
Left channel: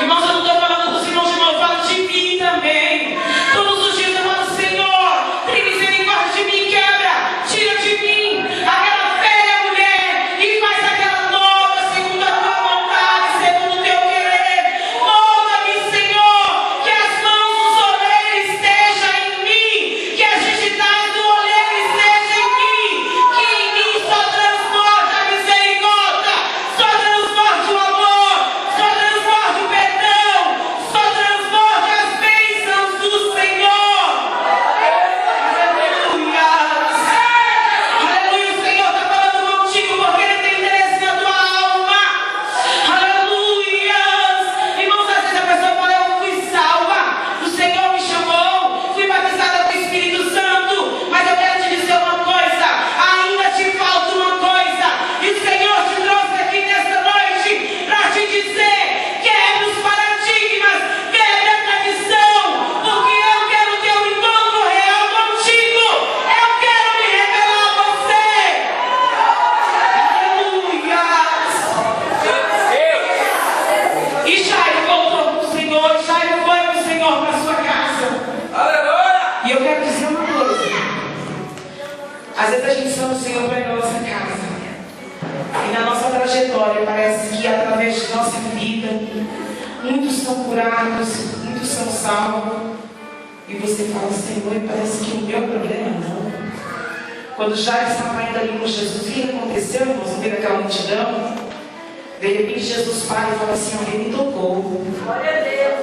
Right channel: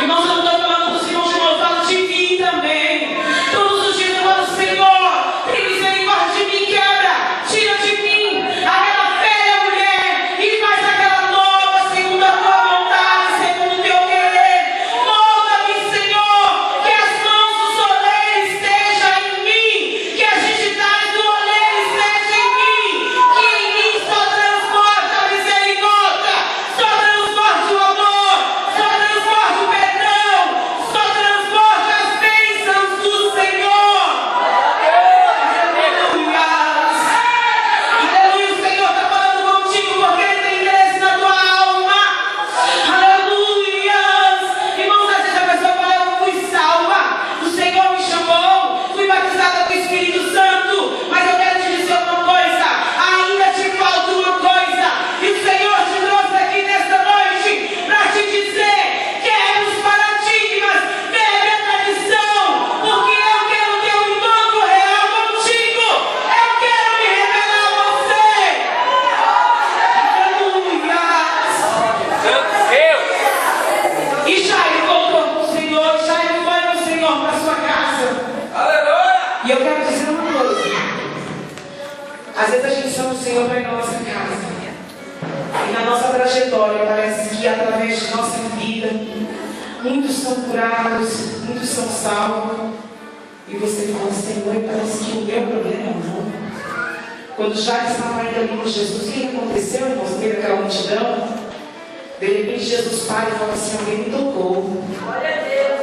Irmãos, eu não estou falando dos irmãos de novo, eu falo de mim também. Todos os dias eu falo, Senhor, tem misericórdia de mim, quebra, tira de mim aquela velha mulher e faz aquela nova, segundo a tua vontade, segundo o teu querer. Molda-me, Senhor, que as mãos dos oleiros estejam em mim, que as digitais do oleiro estejam em mim, que em mim só transporta a misericórdia, só transporta o amor, só transporta o perdão, só transporta as bênçãos do Senhor. Aleluia! Aleluia, o Senhor está falando contigo porque Ele tem interesse na tua alma. Aleluia! Irmãos, às vezes a pessoa fala, eu fui salva, o Senhor me chamou, fui batizada com o Espírito Santo, mas eu quero te dizer uma coisa, ainda te falta uma coisa, e o Senhor te trouxe aqui nesta noite para te dizer, quebra os paradigmas, quebra a tradição, porque eu quero ter um encontro real contigo, eu quero me revelar a você. Aleluia! E Jairo voltou para o Senhor, Jairo foi para o Senhor, para a sua casa. E eu quero dizer uma coisa. Às vezes a gente chama o Senhor para ir para a nossa casa. E na nossa trajetória parece que através de nossa vida, muitos são curados, muitos são salvos. E você fala, Senhor, parece que o meu problema não. Quando Jairo estava ainda ali com Jesus, o que aconteceu, irmãos, no meio daquela multidão? De repente Jesus para e fala assim, alguém me tocou.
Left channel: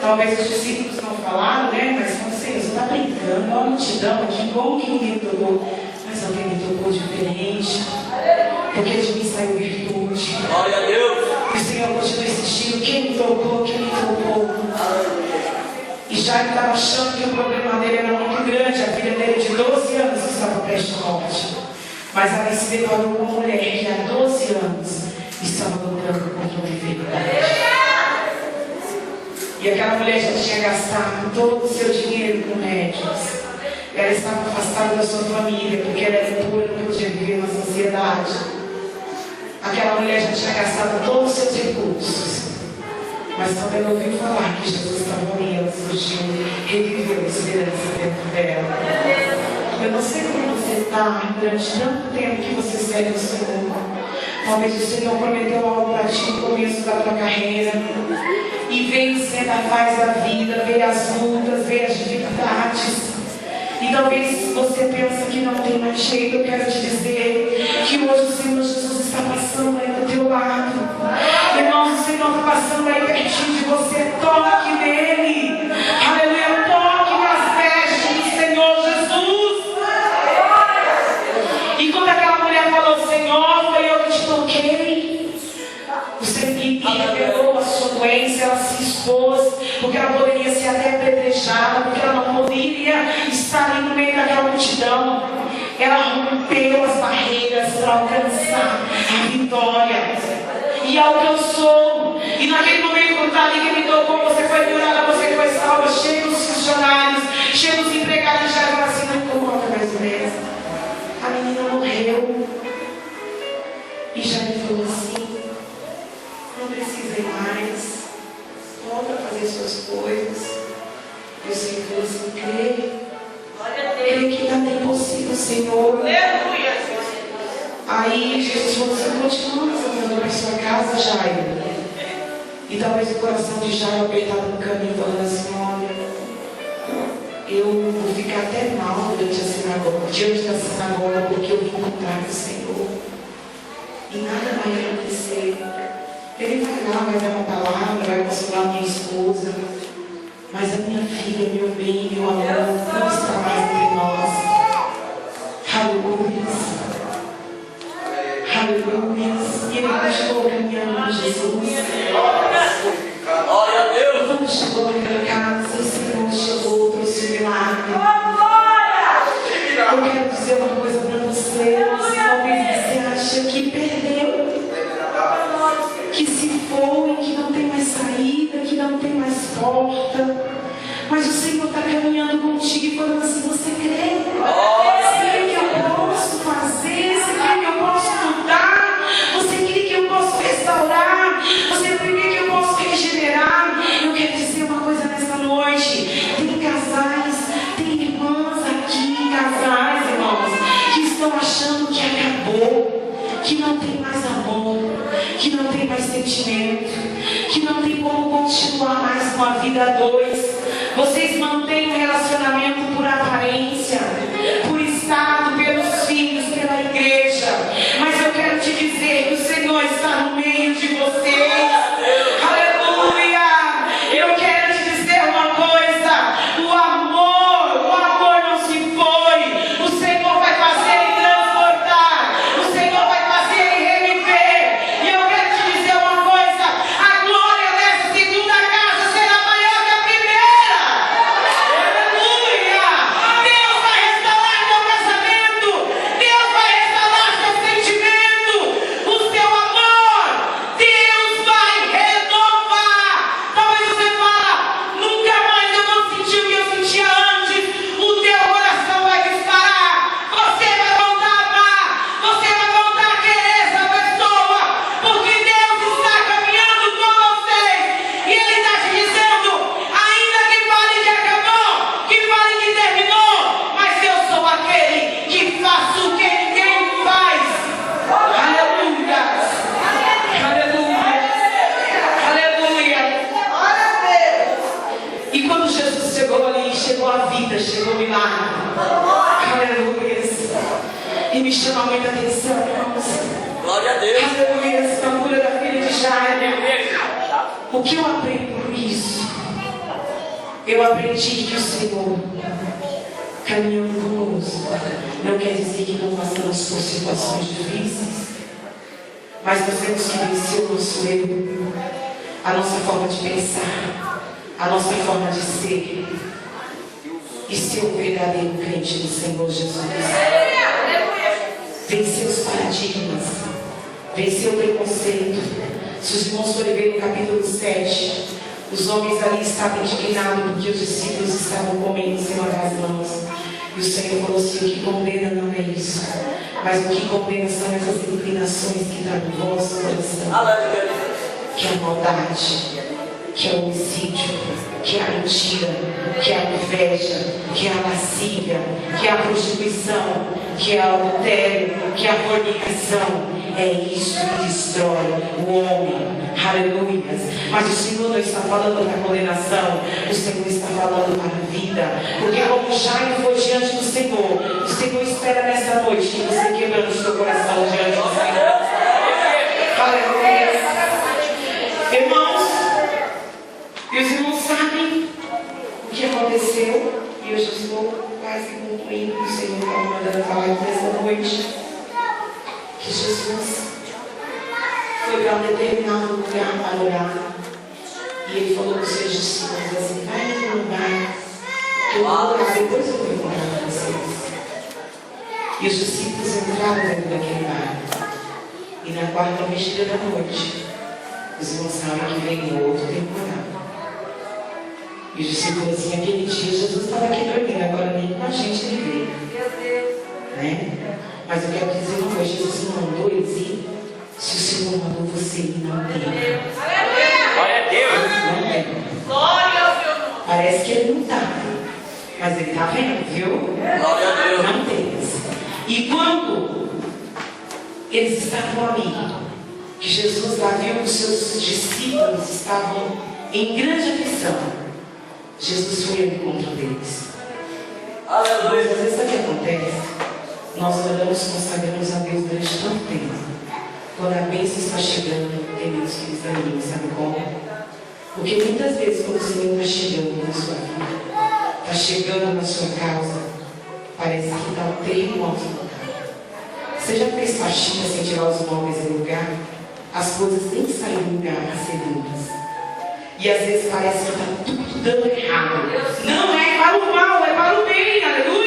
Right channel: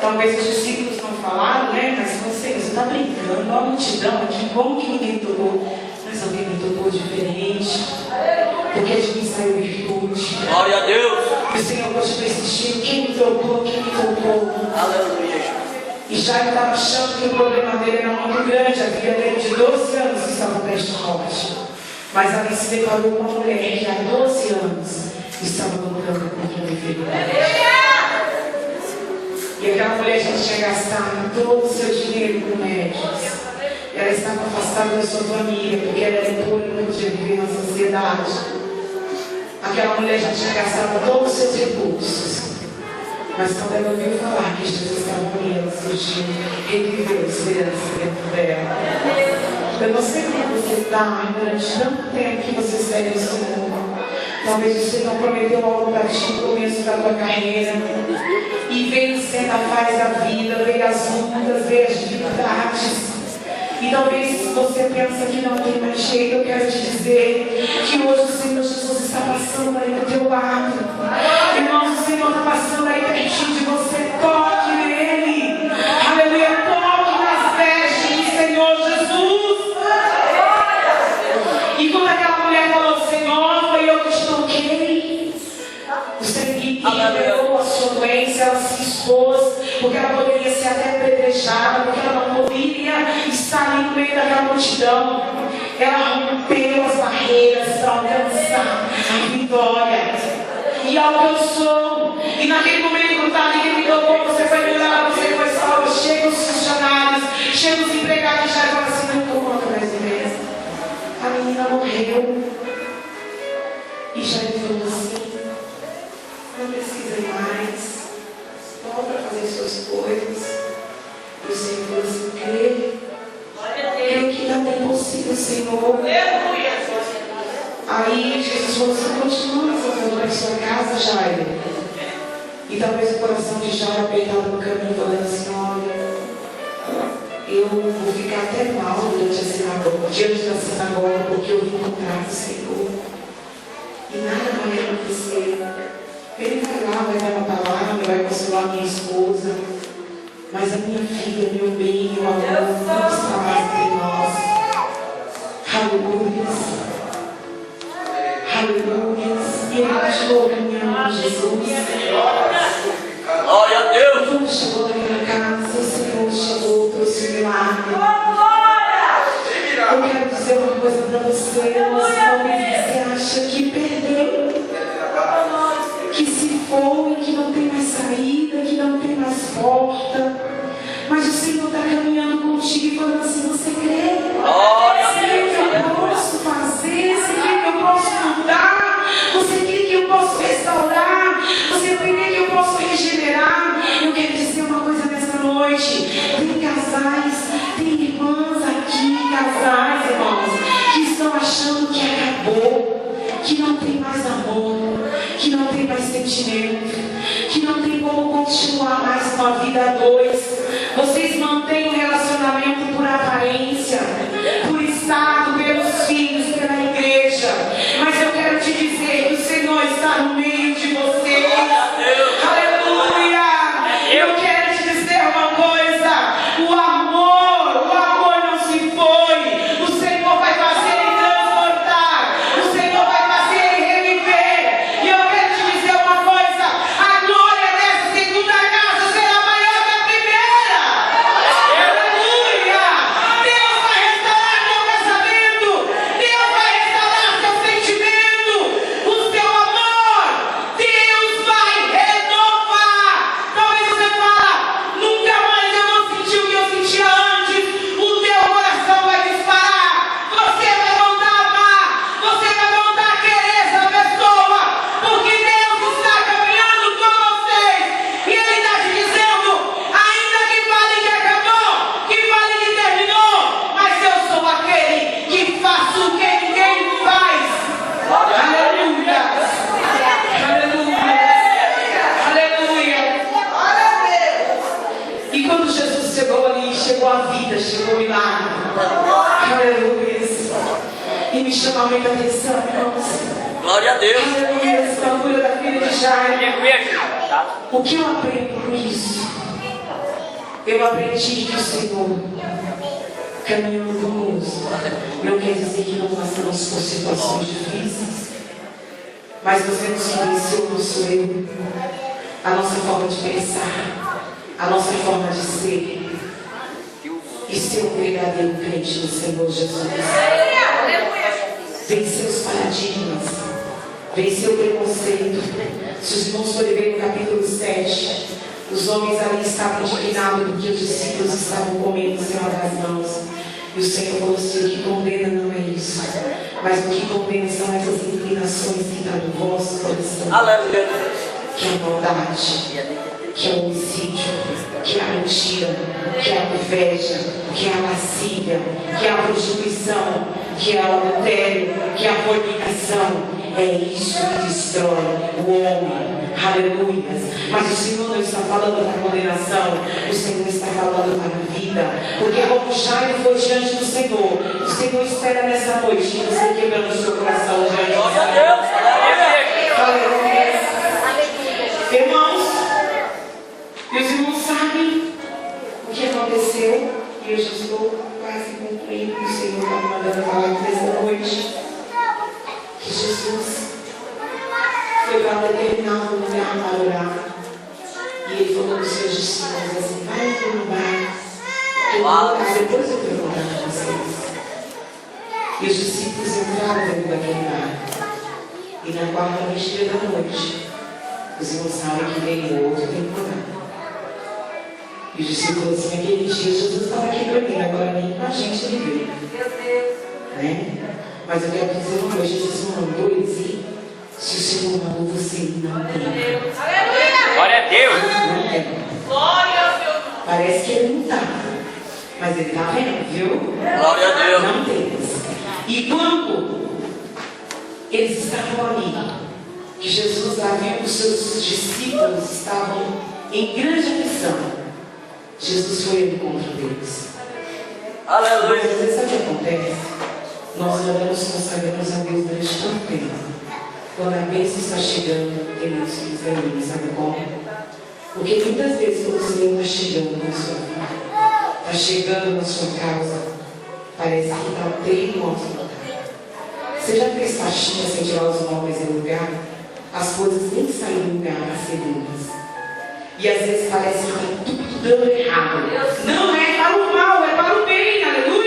Talvez os discípulos não falam. falaram, né? Mas você está brincando, olha a multidão aqui, como que ninguém tocou? Mas alguém me tocou diferente, porque de mim saiu virtude. Glória a Deus. E o Senhor continua insistindo, quem me tocou, quem me tocou. E Jairo estava achando que o problema dele era muito grande, a filha dele de 12 anos estava prestes à morte. Mas ali se deparou com uma mulher que há 12 anos estava lutando contra uma enfermidade. E aquela mulher já tinha gastado todo o seu dinheiro com médicos. E ela estava afastada da sua família, porque ela era impura e não podia viver na sociedade. Aquela mulher já tinha gastado todos os seus recursos. Mas quando ela ouviu falar que Jesus estava ali, ela surgiu, reviveu a esperança dentro dela. Eu não sei como você está durante tanto tempo que você serve o Senhor. Talvez o Senhor prometeu algo para ti no começo da tua carreira. E veio sendo a fase da vida, veio as lutas, veio as dificuldades. E talvez você pensa que não tem mais jeito. Eu quero te dizer que hoje o Senhor Jesus está passando aí do teu lado. Irmãos, o Senhor está passando aí pertinho de você. Toque nele. Aleluia, toque nas vestes do Senhor Jesus. E quando aquela mulher falou, Senhor, foi eu que te toquei. O Senhor revelou a sua doença, ela se expôs, porque ela poderia ser até apedrejada, porque ela não poderia estar ali no meio daquela multidão. Ela rompeu as barreiras para alcançar a vitória. E alcançou. E naquele momento, quando está ali, que ele tocou, você foi curada, você foi salva. Chega os funcionários, chega os empregados, já agora assim, não incomoda mais o mesmo. A menina morreu. E já ele falou assim, não precisa ir mais, volta a fazer suas coisas. E o Senhor falou assim, creio que nada é impossível, Senhor. Aí Jesus falou assim, continua fazendo para sua casa, Jairo. E talvez o coração de Jairo apertado no caminho, falando assim, olha, eu vou ficar até mal diante da sinagoga, porque eu vou encontrar o Senhor. E nada vai acontecer. Ele vai lá, vai dar uma palavra, vai consolar minha esposa. Mas a minha filha, meu bem, meu amor, não está mais entre nós. Aleluia. Aleluia. E ele continuou caminhando com Jesus. Glória a Deus. Quando chegou naquela casa, o Senhor chegou, trouxe um milagre. Eu quero dizer uma coisa para você. Talvez você acha que perdeu, que se foi, que não tem mais saída, que não tem mais porta. Mas o Senhor está caminhando contigo e falando assim, você crê? Você crê que eu posso fazer? Você crê que eu posso mudar? Você crê que eu posso restaurar? Você crê que eu posso regenerar? Eu quero dizer uma coisa nessa noite. Tem casais, tem irmãs aqui, casais, irmãos, que estão achando que acabou, que não tem mais amor, que não tem mais sentimento, que não tem como continuar mais com a vida a dois. Vocês mantêm um relacionamento por aparência, por estado, pelos filhos, pela igreja. Mas eu quero te dizer que o Senhor está no meio de vocês. Aleluia! Eu quero te dizer uma coisa: o amor não se foi. O Senhor vai fazer ele transportar. O Senhor vai fazer ele reviver. E eu quero te dizer uma coisa: a glória dessa segunda casa será maior que a primeira. Aleluia! Deus vai restaurar teu casamento. Deus vai restaurar teu sentimento, o teu amor. Deus vai renovar. Talvez você fale, nunca mais eu vou sentir o que eu sentia antes. O teu coração vai disparar. Você vai voltar a amar. Você vai voltar a querer essa pessoa. Porque Deus está caminhando com vocês. E Ele está te dizendo, ainda que fale que acabou, que fale que terminou, mas eu sou aquele que faço o que ninguém faz. Aleluia. Aleluia. Aleluia. E quando Jesus chegou ali, chegou a vida, chegou o milagre. Aleluia. E me chama muita atenção, irmãos. Glória a Deus. Aleluia. A cura da filha de Jairo. O que eu aprendo com isso? Eu aprendi que o Senhor, caminhando conosco, não quer dizer que não passamos por situações difíceis, mas nós temos que vencer o nosso eu, a nossa forma de pensar, a nossa forma de ser, e ser um verdadeiro crente no Senhor Jesus. Vencer os paradigmas, vencer o preconceito. Se os irmãos forem ver no capítulo 7, os homens ali estavam indignados porque os discípulos estavam comendo sem lavar as mãos. E o Senhor falou assim: o que condena não é isso, mas o que condena são essas inclinações que estão no vosso coração, que é a maldade, que é o homicídio, que é a mentira, que é a inveja, que é a lascívia, que é a prostituição, que é o adultério, que é a fornicação. É isso que destrói o homem. Aleluia. Mas o Senhor não está falando para condenação, o Senhor está falando para a vida. Porque como Jairo foi diante do Senhor, o Senhor espera nessa noite que você quebrando o seu coração diante do Senhor. Aleluia. Irmãos, e os irmãos sabem o que aconteceu. E eu já estou quase concluindo, que o Senhor está me mandando falar nessa noite. Que Jesus foi para um determinado lugar para orar. E ele falou para os seus discípulos assim: vai em um lugar, que eu vou orar, depois eu vou orar para vocês. E os discípulos entraram dentro daquele bar. E na quarta vigília da noite, os irmãos sabem que veio outro temporal. E os discípulos assim: aquele dia Jesus estava aqui dormindo, agora nem com a gente ele veio. Né? Mas eu quero dizer uma coisa: Jesus não mandou ele dizer. Se o Senhor mandou você ir, não tem. Glória a Deus. Não tem. Parece que ele não está, mas ele está vendo, viu? Glória a Deus. Não tem. E quando eles estavam ali, que Jesus lá viu que os seus discípulos estavam em grande aflição, Jesus foi ao encontro deles. Aleluia. Mas às vezes sabe o que acontece? Nós oramos, consagramos a Deus durante tanto tempo. Quando a bênção está chegando, tem Deus que desanima, sabe como? Porque muitas vezes quando o Senhor está chegando na sua vida, está chegando na sua causa, parece que está o trem no alto lugar. Você já fez faxina sem tirar os móveis do lugar? As coisas nem saem do lugar para ser limpas. E às vezes parece que está tudo dando errado. Não é para o mal, é para o bem, aleluia!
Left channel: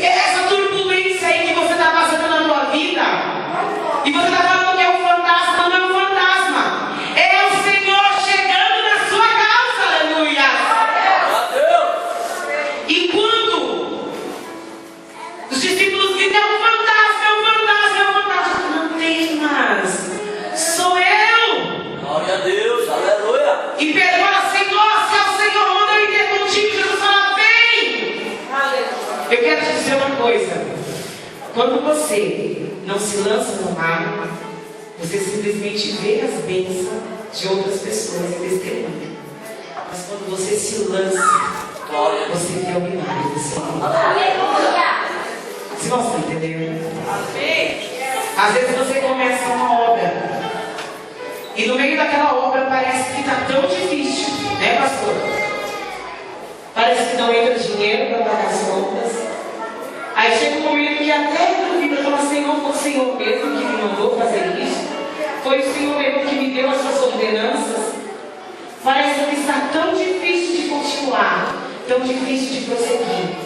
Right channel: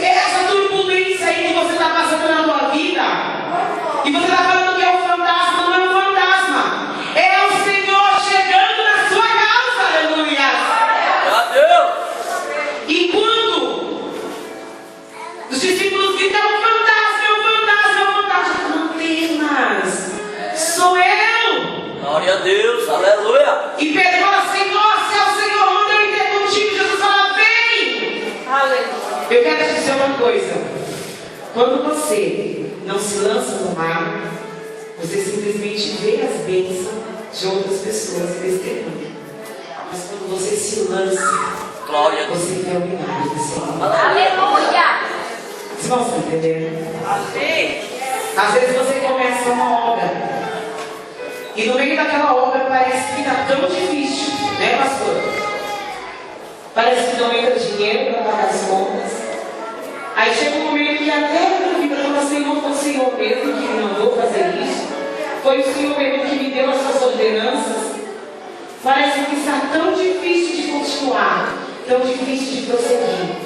Essa turbulência aí que você está passando na tua vida, e você está falando que é um fantasma, não é um fantasma, é o Senhor chegando na sua causa, aleluia! E quando os discípulos dizem: é um fantasma, é um fantasma, é um fantasma, não temas, sou eu. Glória a Deus, aleluia. E Pedro fala: Senhor, se é o Senhor, manda eu ir ter contigo. Jesus fala: vem. Aleluia. Eu quero te dizer uma coisa: quando você não se lança no mar, você simplesmente vê as bênçãos de outras pessoas e testemunha. Mas quando você se lança, você vê o milagre do Senhor. Aleluia. Vocês estão entendendo? Às vezes você começa uma obra, e no meio daquela obra parece que está tão difícil, né, pastor? Parece que não entra dinheiro para pagar as contas. Aí chega um momento que até a vida fala: Senhor, foi o Senhor mesmo que me mandou fazer isso. Foi o Senhor mesmo que me deu essas ordenanças. Parece que está tão difícil de continuar, tão difícil de prosseguir.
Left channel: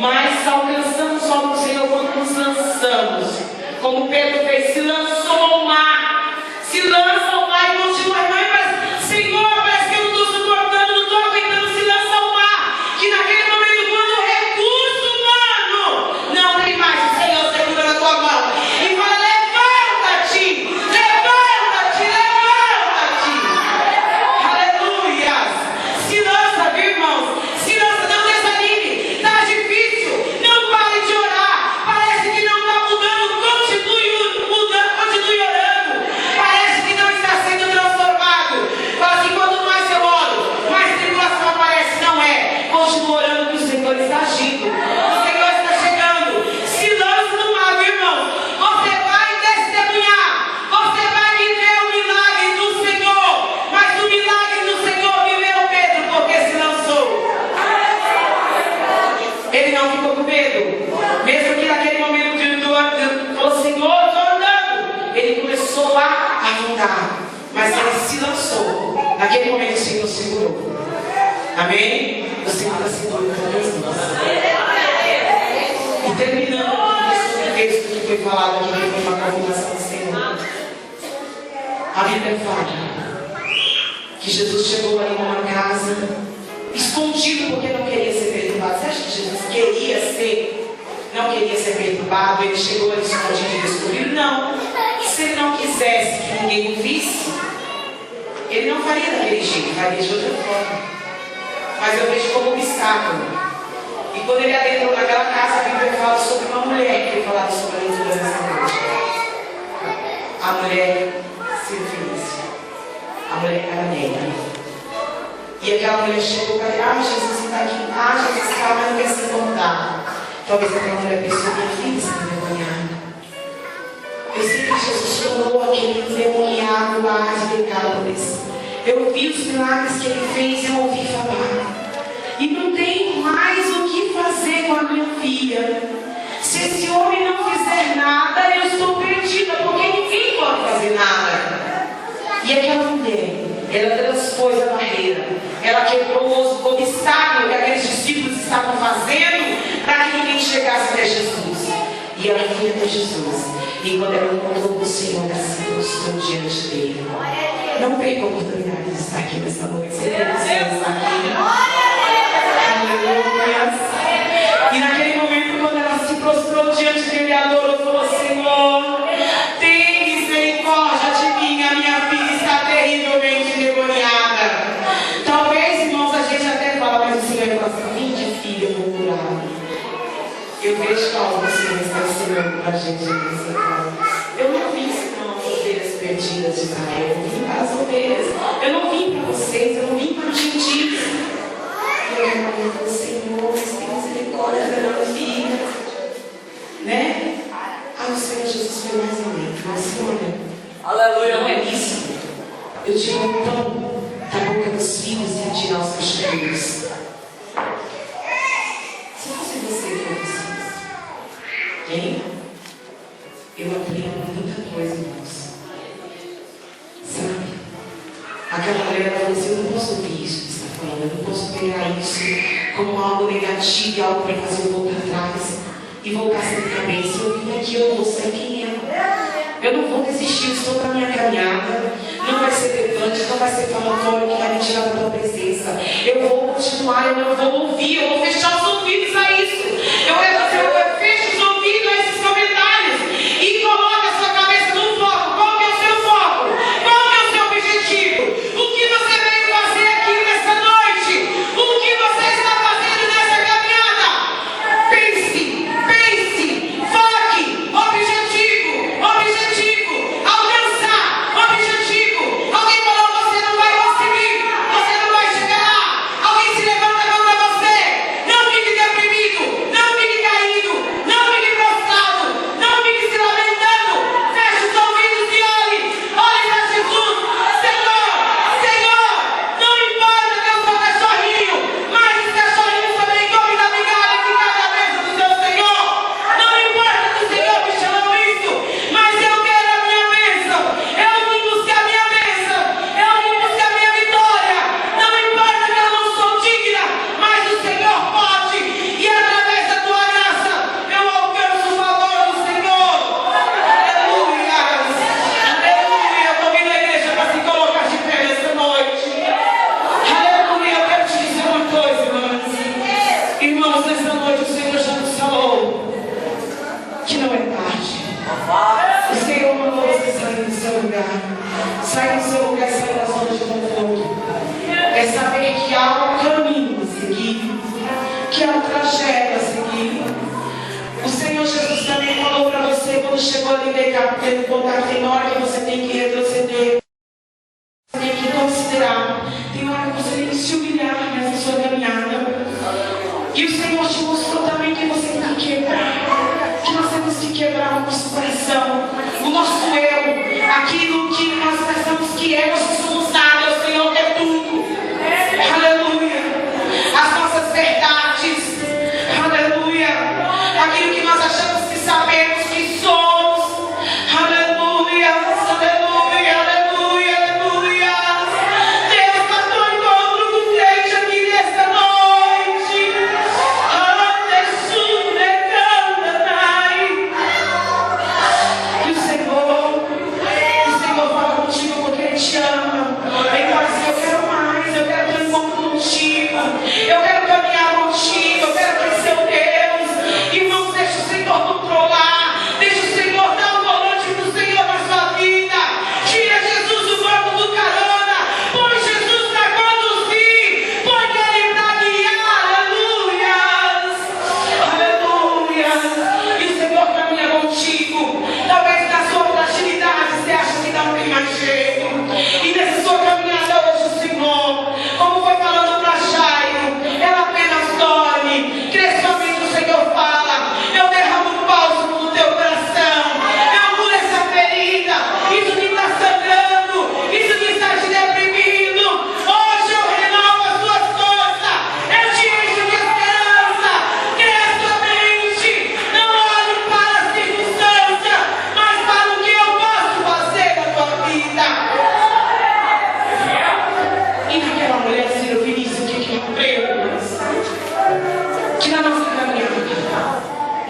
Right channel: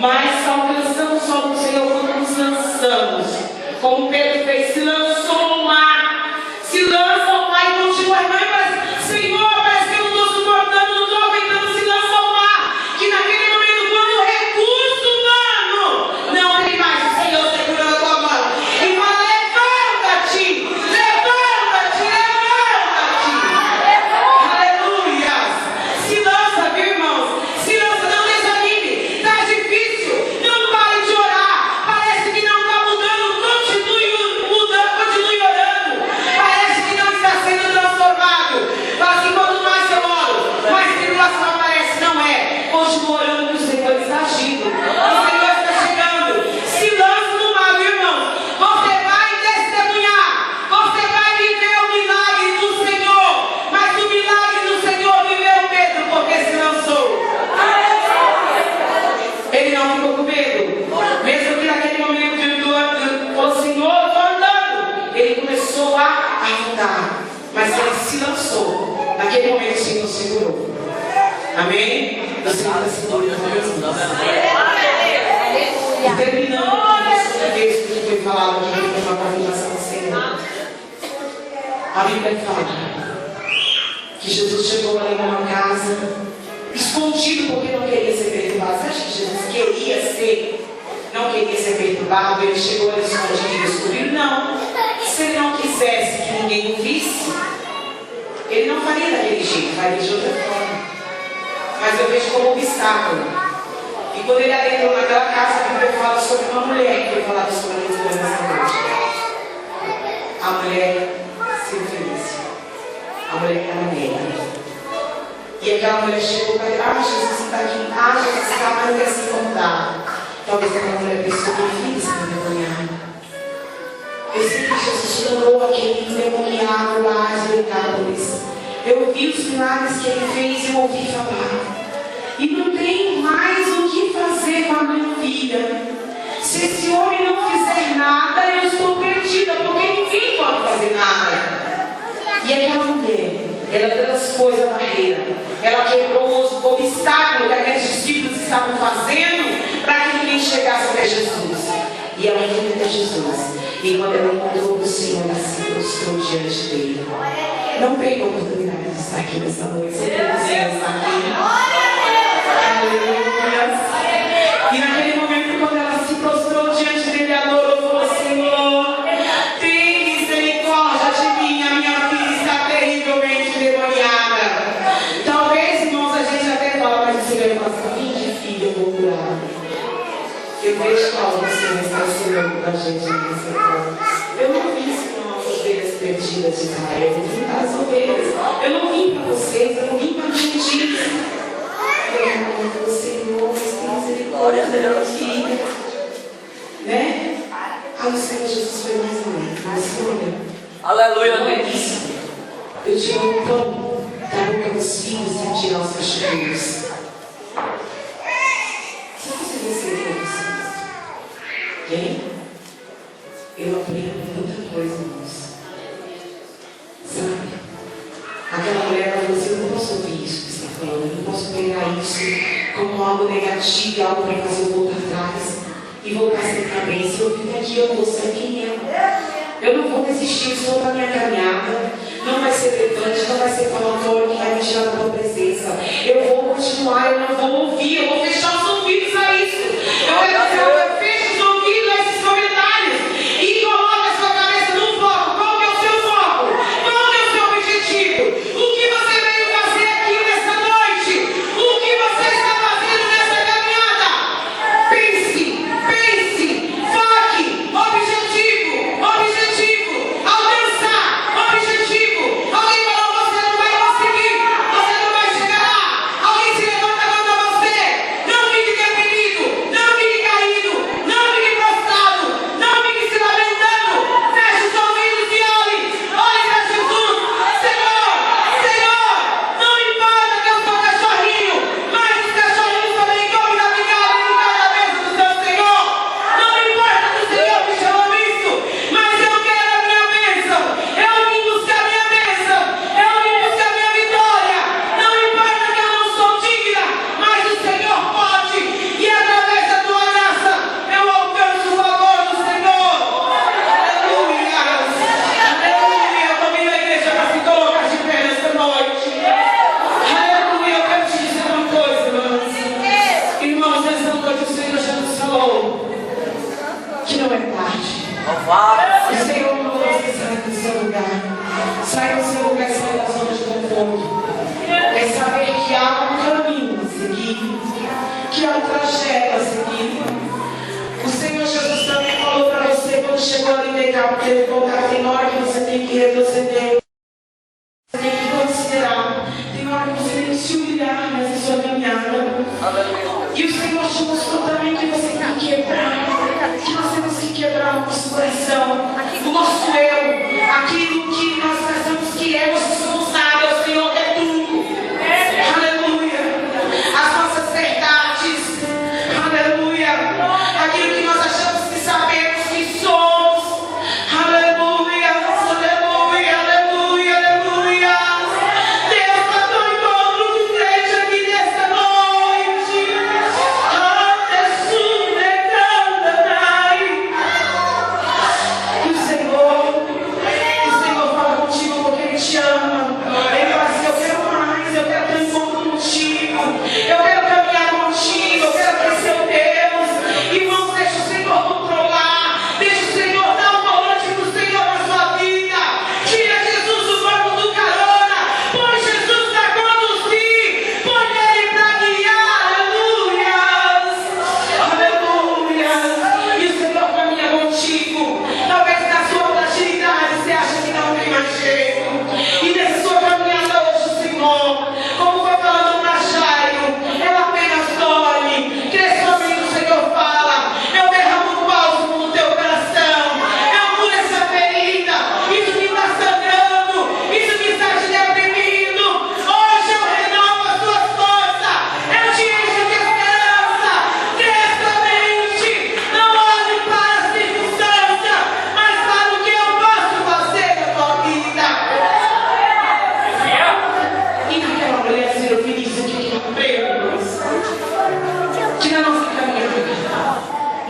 Mas alcançamos só o Senhor quando nos lançamos. Como Pedro fez, se lançou ao mar. Se lança ao mar e continua. Mas Senhor, parece que eu não estou suportando, não estou aguentando. Se lança ao mar. Que naquele momento, quando o recurso humano não tem mais, o Senhor segura na tua mão e fala: levanta-te, levanta-te, levanta-te. Aleluia. Se lança, viu, irmãos? Se lança, não desanime. Está difícil, não pare de orar. Parece que não está mudando, continue mudando, continue orando. Parece que não está sendo transformado. Naquele momento o Senhor segurou. Amém? O Senhor está segurando com Deus. E terminando o texto que foi falado aqui, que foi uma confirmação do Senhor. A Bíblia fala que Jesus chegou ali numa casa, escondido porque não queria ser perturbado. Você acha que Jesus não queria ser perturbado? Ele chegou ali escondido e descobriu? Não. Se ele não quisesse que ninguém o visse, ele não faria daquele jeito, faria de outra forma. Mas eu vejo como obstáculo. E quando ele adentrou naquela casa, a Bíblia fala sobre uma mulher, que eu falava sobre a leitura nessa noite. A mulher Sirofenícia. A mulher cananeia. E aquela mulher chegou para ele: Jesus está aqui. Jesus está, mas não quer se incomodar. Talvez aquela mulher pensou: minha filha está endemoniada. Eu sei que Jesus tornou aquele endemoniado lá de Decápolis. Eu vi os milagres que ele fez, eu ouvi falar. E não tem mais o que fazer com a minha filha. Se esse homem não fizer nada, eu estou perdida, porque ninguém pode fazer nada. E aquela mulher, ela transpôs a barreira. Ela quebrou o obstáculo que aqueles discípulos estavam fazendo para que ninguém chegasse até Jesus. E ela foi até Jesus. E quando ela encontrou o Senhor, ela se prostrou diante dele. Não perca a oportunidade de estar aqui nessa noite. Você tem que estar aqui. Aleluia. E naquele momento, quando ela se prostrou diante dele, adorou e falou: Senhor, tem misericórdia de mim. A minha filha está terrivelmente endemoniada. Talvez, irmãos, a gente até fala, mas o Senhor fala assim: de filha, eu vou curar. Eu vejo que algo o Senhor está ensinando para a gente nessa hora. Eu não vim ensinar as ovelhas perdidas de Israel. Eu vim para as ovelhas. Eu não vim para vocês. Eu não vim para os gentios. Eu quero para o Senhor, tem misericórdia da minha filha. Né? O Senhor Jesus foi mais além. Aleluia. Não é isso. Eu tiro o pão da boca dos filhos e tirar os cachorros. Se fosse você que fosse quem? Eu aprendo muita coisa, irmãos. Sabe? Aquela mulher, ela falou assim: eu não posso ouvir isso que você está falando. Eu não posso pegar isso como algo negativo, algo para fazer eu voltar atrás e voltar a ser minha bênção. Se eu vim aqui, eu vou ser quem é. Eu não vou desistir, eu estou na minha caminhada. Não vai ser levante, não vai ser falatório que vai me tirar da tua presença. Eu vou continuar, eu não vou ouvir, eu vou fechar os ouvidos a isso. Eu quero dizer, eu fecho os ouvidos a esses comentários e coloque a sua cabeça no foco. Qual que é o seu foco? Qual que é o seu objetivo? O que você veio fazer aqui nessa noite? O que você está fazendo nessa caminhada? Pense, foque, objetivo, alcançar, objetivo. Alguém falou: você não vai conseguir, você não vai chegar lá. Alguém se levanta contra você. Não fique deprimido, não fique caído, não fique prostrado, não fique se lamentando. Feche os ouvidos e olhe para Jesus. Senhor, não importa que eu sou cachorrinho, mas os cachorrinhos também comem da migada que cai da mesa do seu Senhor. Não importa que o Senhor me chamou isso, mas eu quero a minha bênção. Eu vim buscar a minha bênção. Eu vim buscar a minha vitória. Não importa que eu não sou digna, mas o Senhor pode. E através da tua graça, eu alcanço o favor do Senhor. Aleluia. Aleluia. Eu estou vindo à igreja para se colocar de pé nessa noite. Aleluia. Eu quero te dizer uma coisa, irmãos. Irmãos, nessa noite o Senhor já nos falou que não é tarde. O Senhor mandou você sair do seu lugar. Sair do seu lugar e sair da zona de conforto. É saber que há um caminho a seguir, que há um trajeto a seguir. O Senhor Jesus também falou para você quando chegou ali negar, porque ele voltar, tem hora que você tem que retroceder. Você tem que considerar. Tem hora que você tem que se humilhar nessa sua caminhada. E o Senhor te mostrou também que você tem que quebrar. Que nós temos que quebrar o nosso coração, o nosso eu, aquilo que nós pensamos que é, nós não somos nada, o Senhor é tudo. Aleluia. As nossas verdades, aleluia. Aquilo que nós achamos que sabemos que somos, aleluia, aleluia, aleluia, aleluia. Deus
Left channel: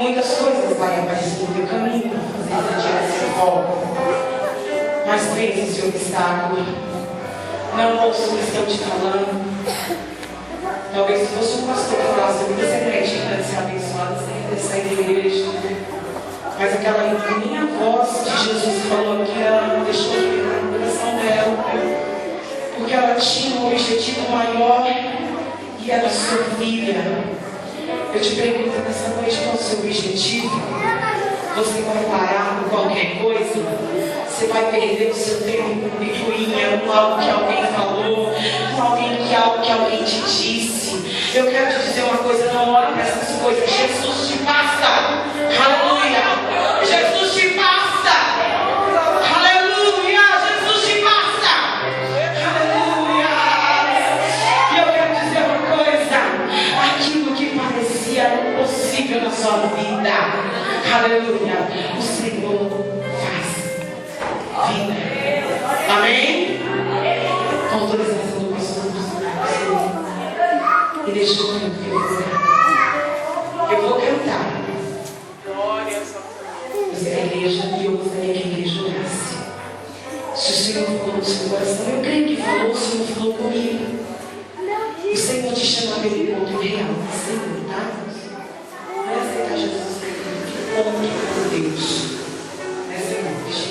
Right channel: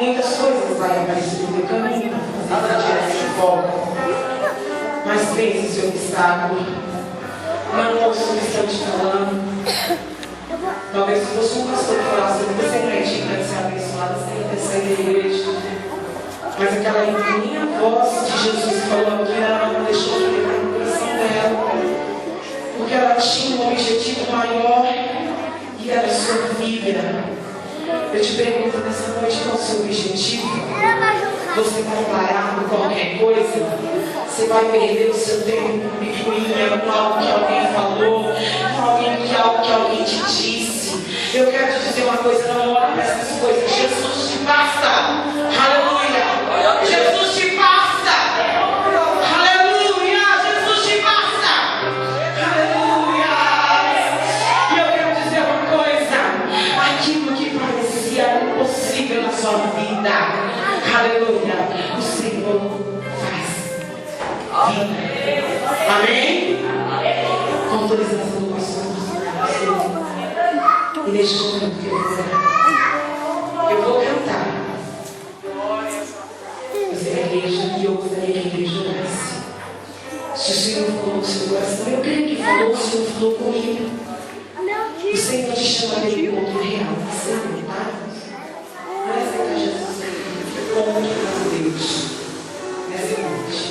Muitas coisas vai aparecer no teu caminho, fazer direção de volta. Mas vence esse obstáculo. Não ouça o que estão te falando. Talvez se fosse um pastor que falasse, você não é digna de ser abençoado, você tem que sair da igreja. Mas aquela minha voz de Jesus falou que ela não deixou de entrar no coração dela. Porque ela tinha um objetivo maior e era sua filha. Eu te pergunto nessa noite, qual é o seu objetivo? Você vai parar por qualquer coisa? Você vai perder o seu tempo com picuinha, com algo que alguém falou, com algo que alguém te disse. Eu quero te dizer uma coisa, não ora para essas coisas. Jesus te basta. Aleluia. Jesus te basta. Aleluia. Jesus te basta. Aleluia. E eu quero dizer uma coisa. Aquilo que parecia impossível na sua vida, aleluia, o Senhor faz vida. Amém? Com autorização do pastor. E deixa eu vou cantar. Você é a igreja e eu gostaria que a igreja orasse. Se o Senhor falou no seu coração, eu creio que falou, o Senhor falou comigo. O Senhor te chama pelo ponto real. Senhor, tá? Não é aceitar Jesus, contra Deus. Nessa noite.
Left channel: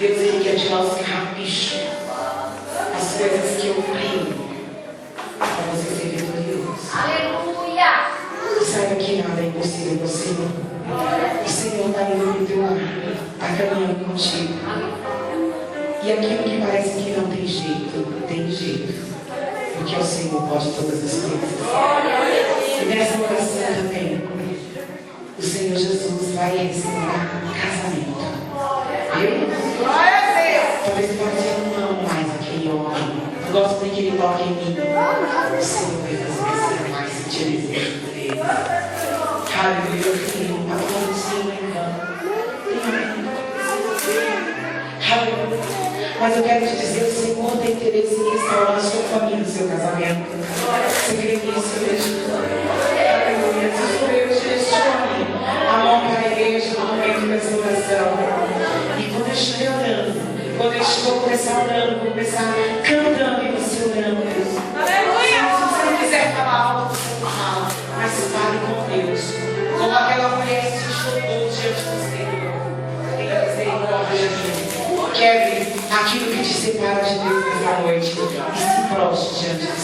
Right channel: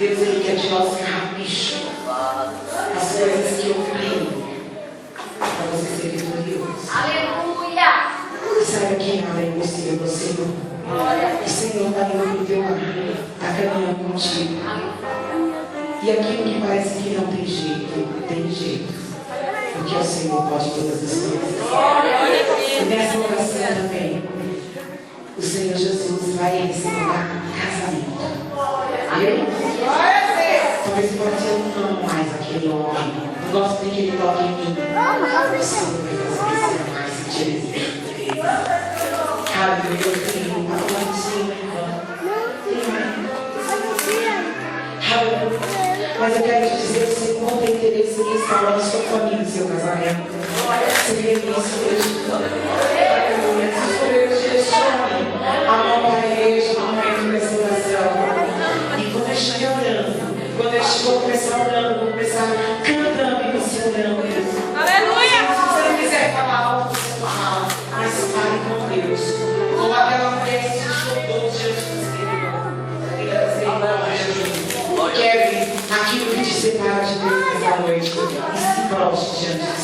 Deus, Ele quer de nós capricho. As coisas que eu creio. Para você ser vitorioso. Aleluia! E saiba que nada é impossível para o Senhor. O Senhor está indo para o teu lar, está caminhando contigo. E aquilo que parece que não tem jeito, tem jeito. Porque o Senhor pode todas as coisas. E nessa oração também, o Senhor Jesus vai restaurar casamento. Talvez pode ser eu não amo mais aquele homem. Eu gosto de que ele toque em mim. O Senhor vai fazer você amar e sentir desejo por ele. Aleluia, eu tenho uma coisinha em vão. Aleluia. Mas eu quero te dizer, o Senhor tem interesse em restaurar a sua família, o seu casamento. Você crê nisso, Deus? Aleluia. Se o Deus direcione a mão para a igreja no momento dessa oração. E quando eu estiver orando, quando eu estiver começar orando, vou começar cantando e você orando. Aleluia! Se você não quiser falar alto, você não fala. Mas fale com Deus. Como aquela mulher que se jogou diante do Senhor. Quebre aquilo que te separa de Deus nessa noite. E se prostre diante do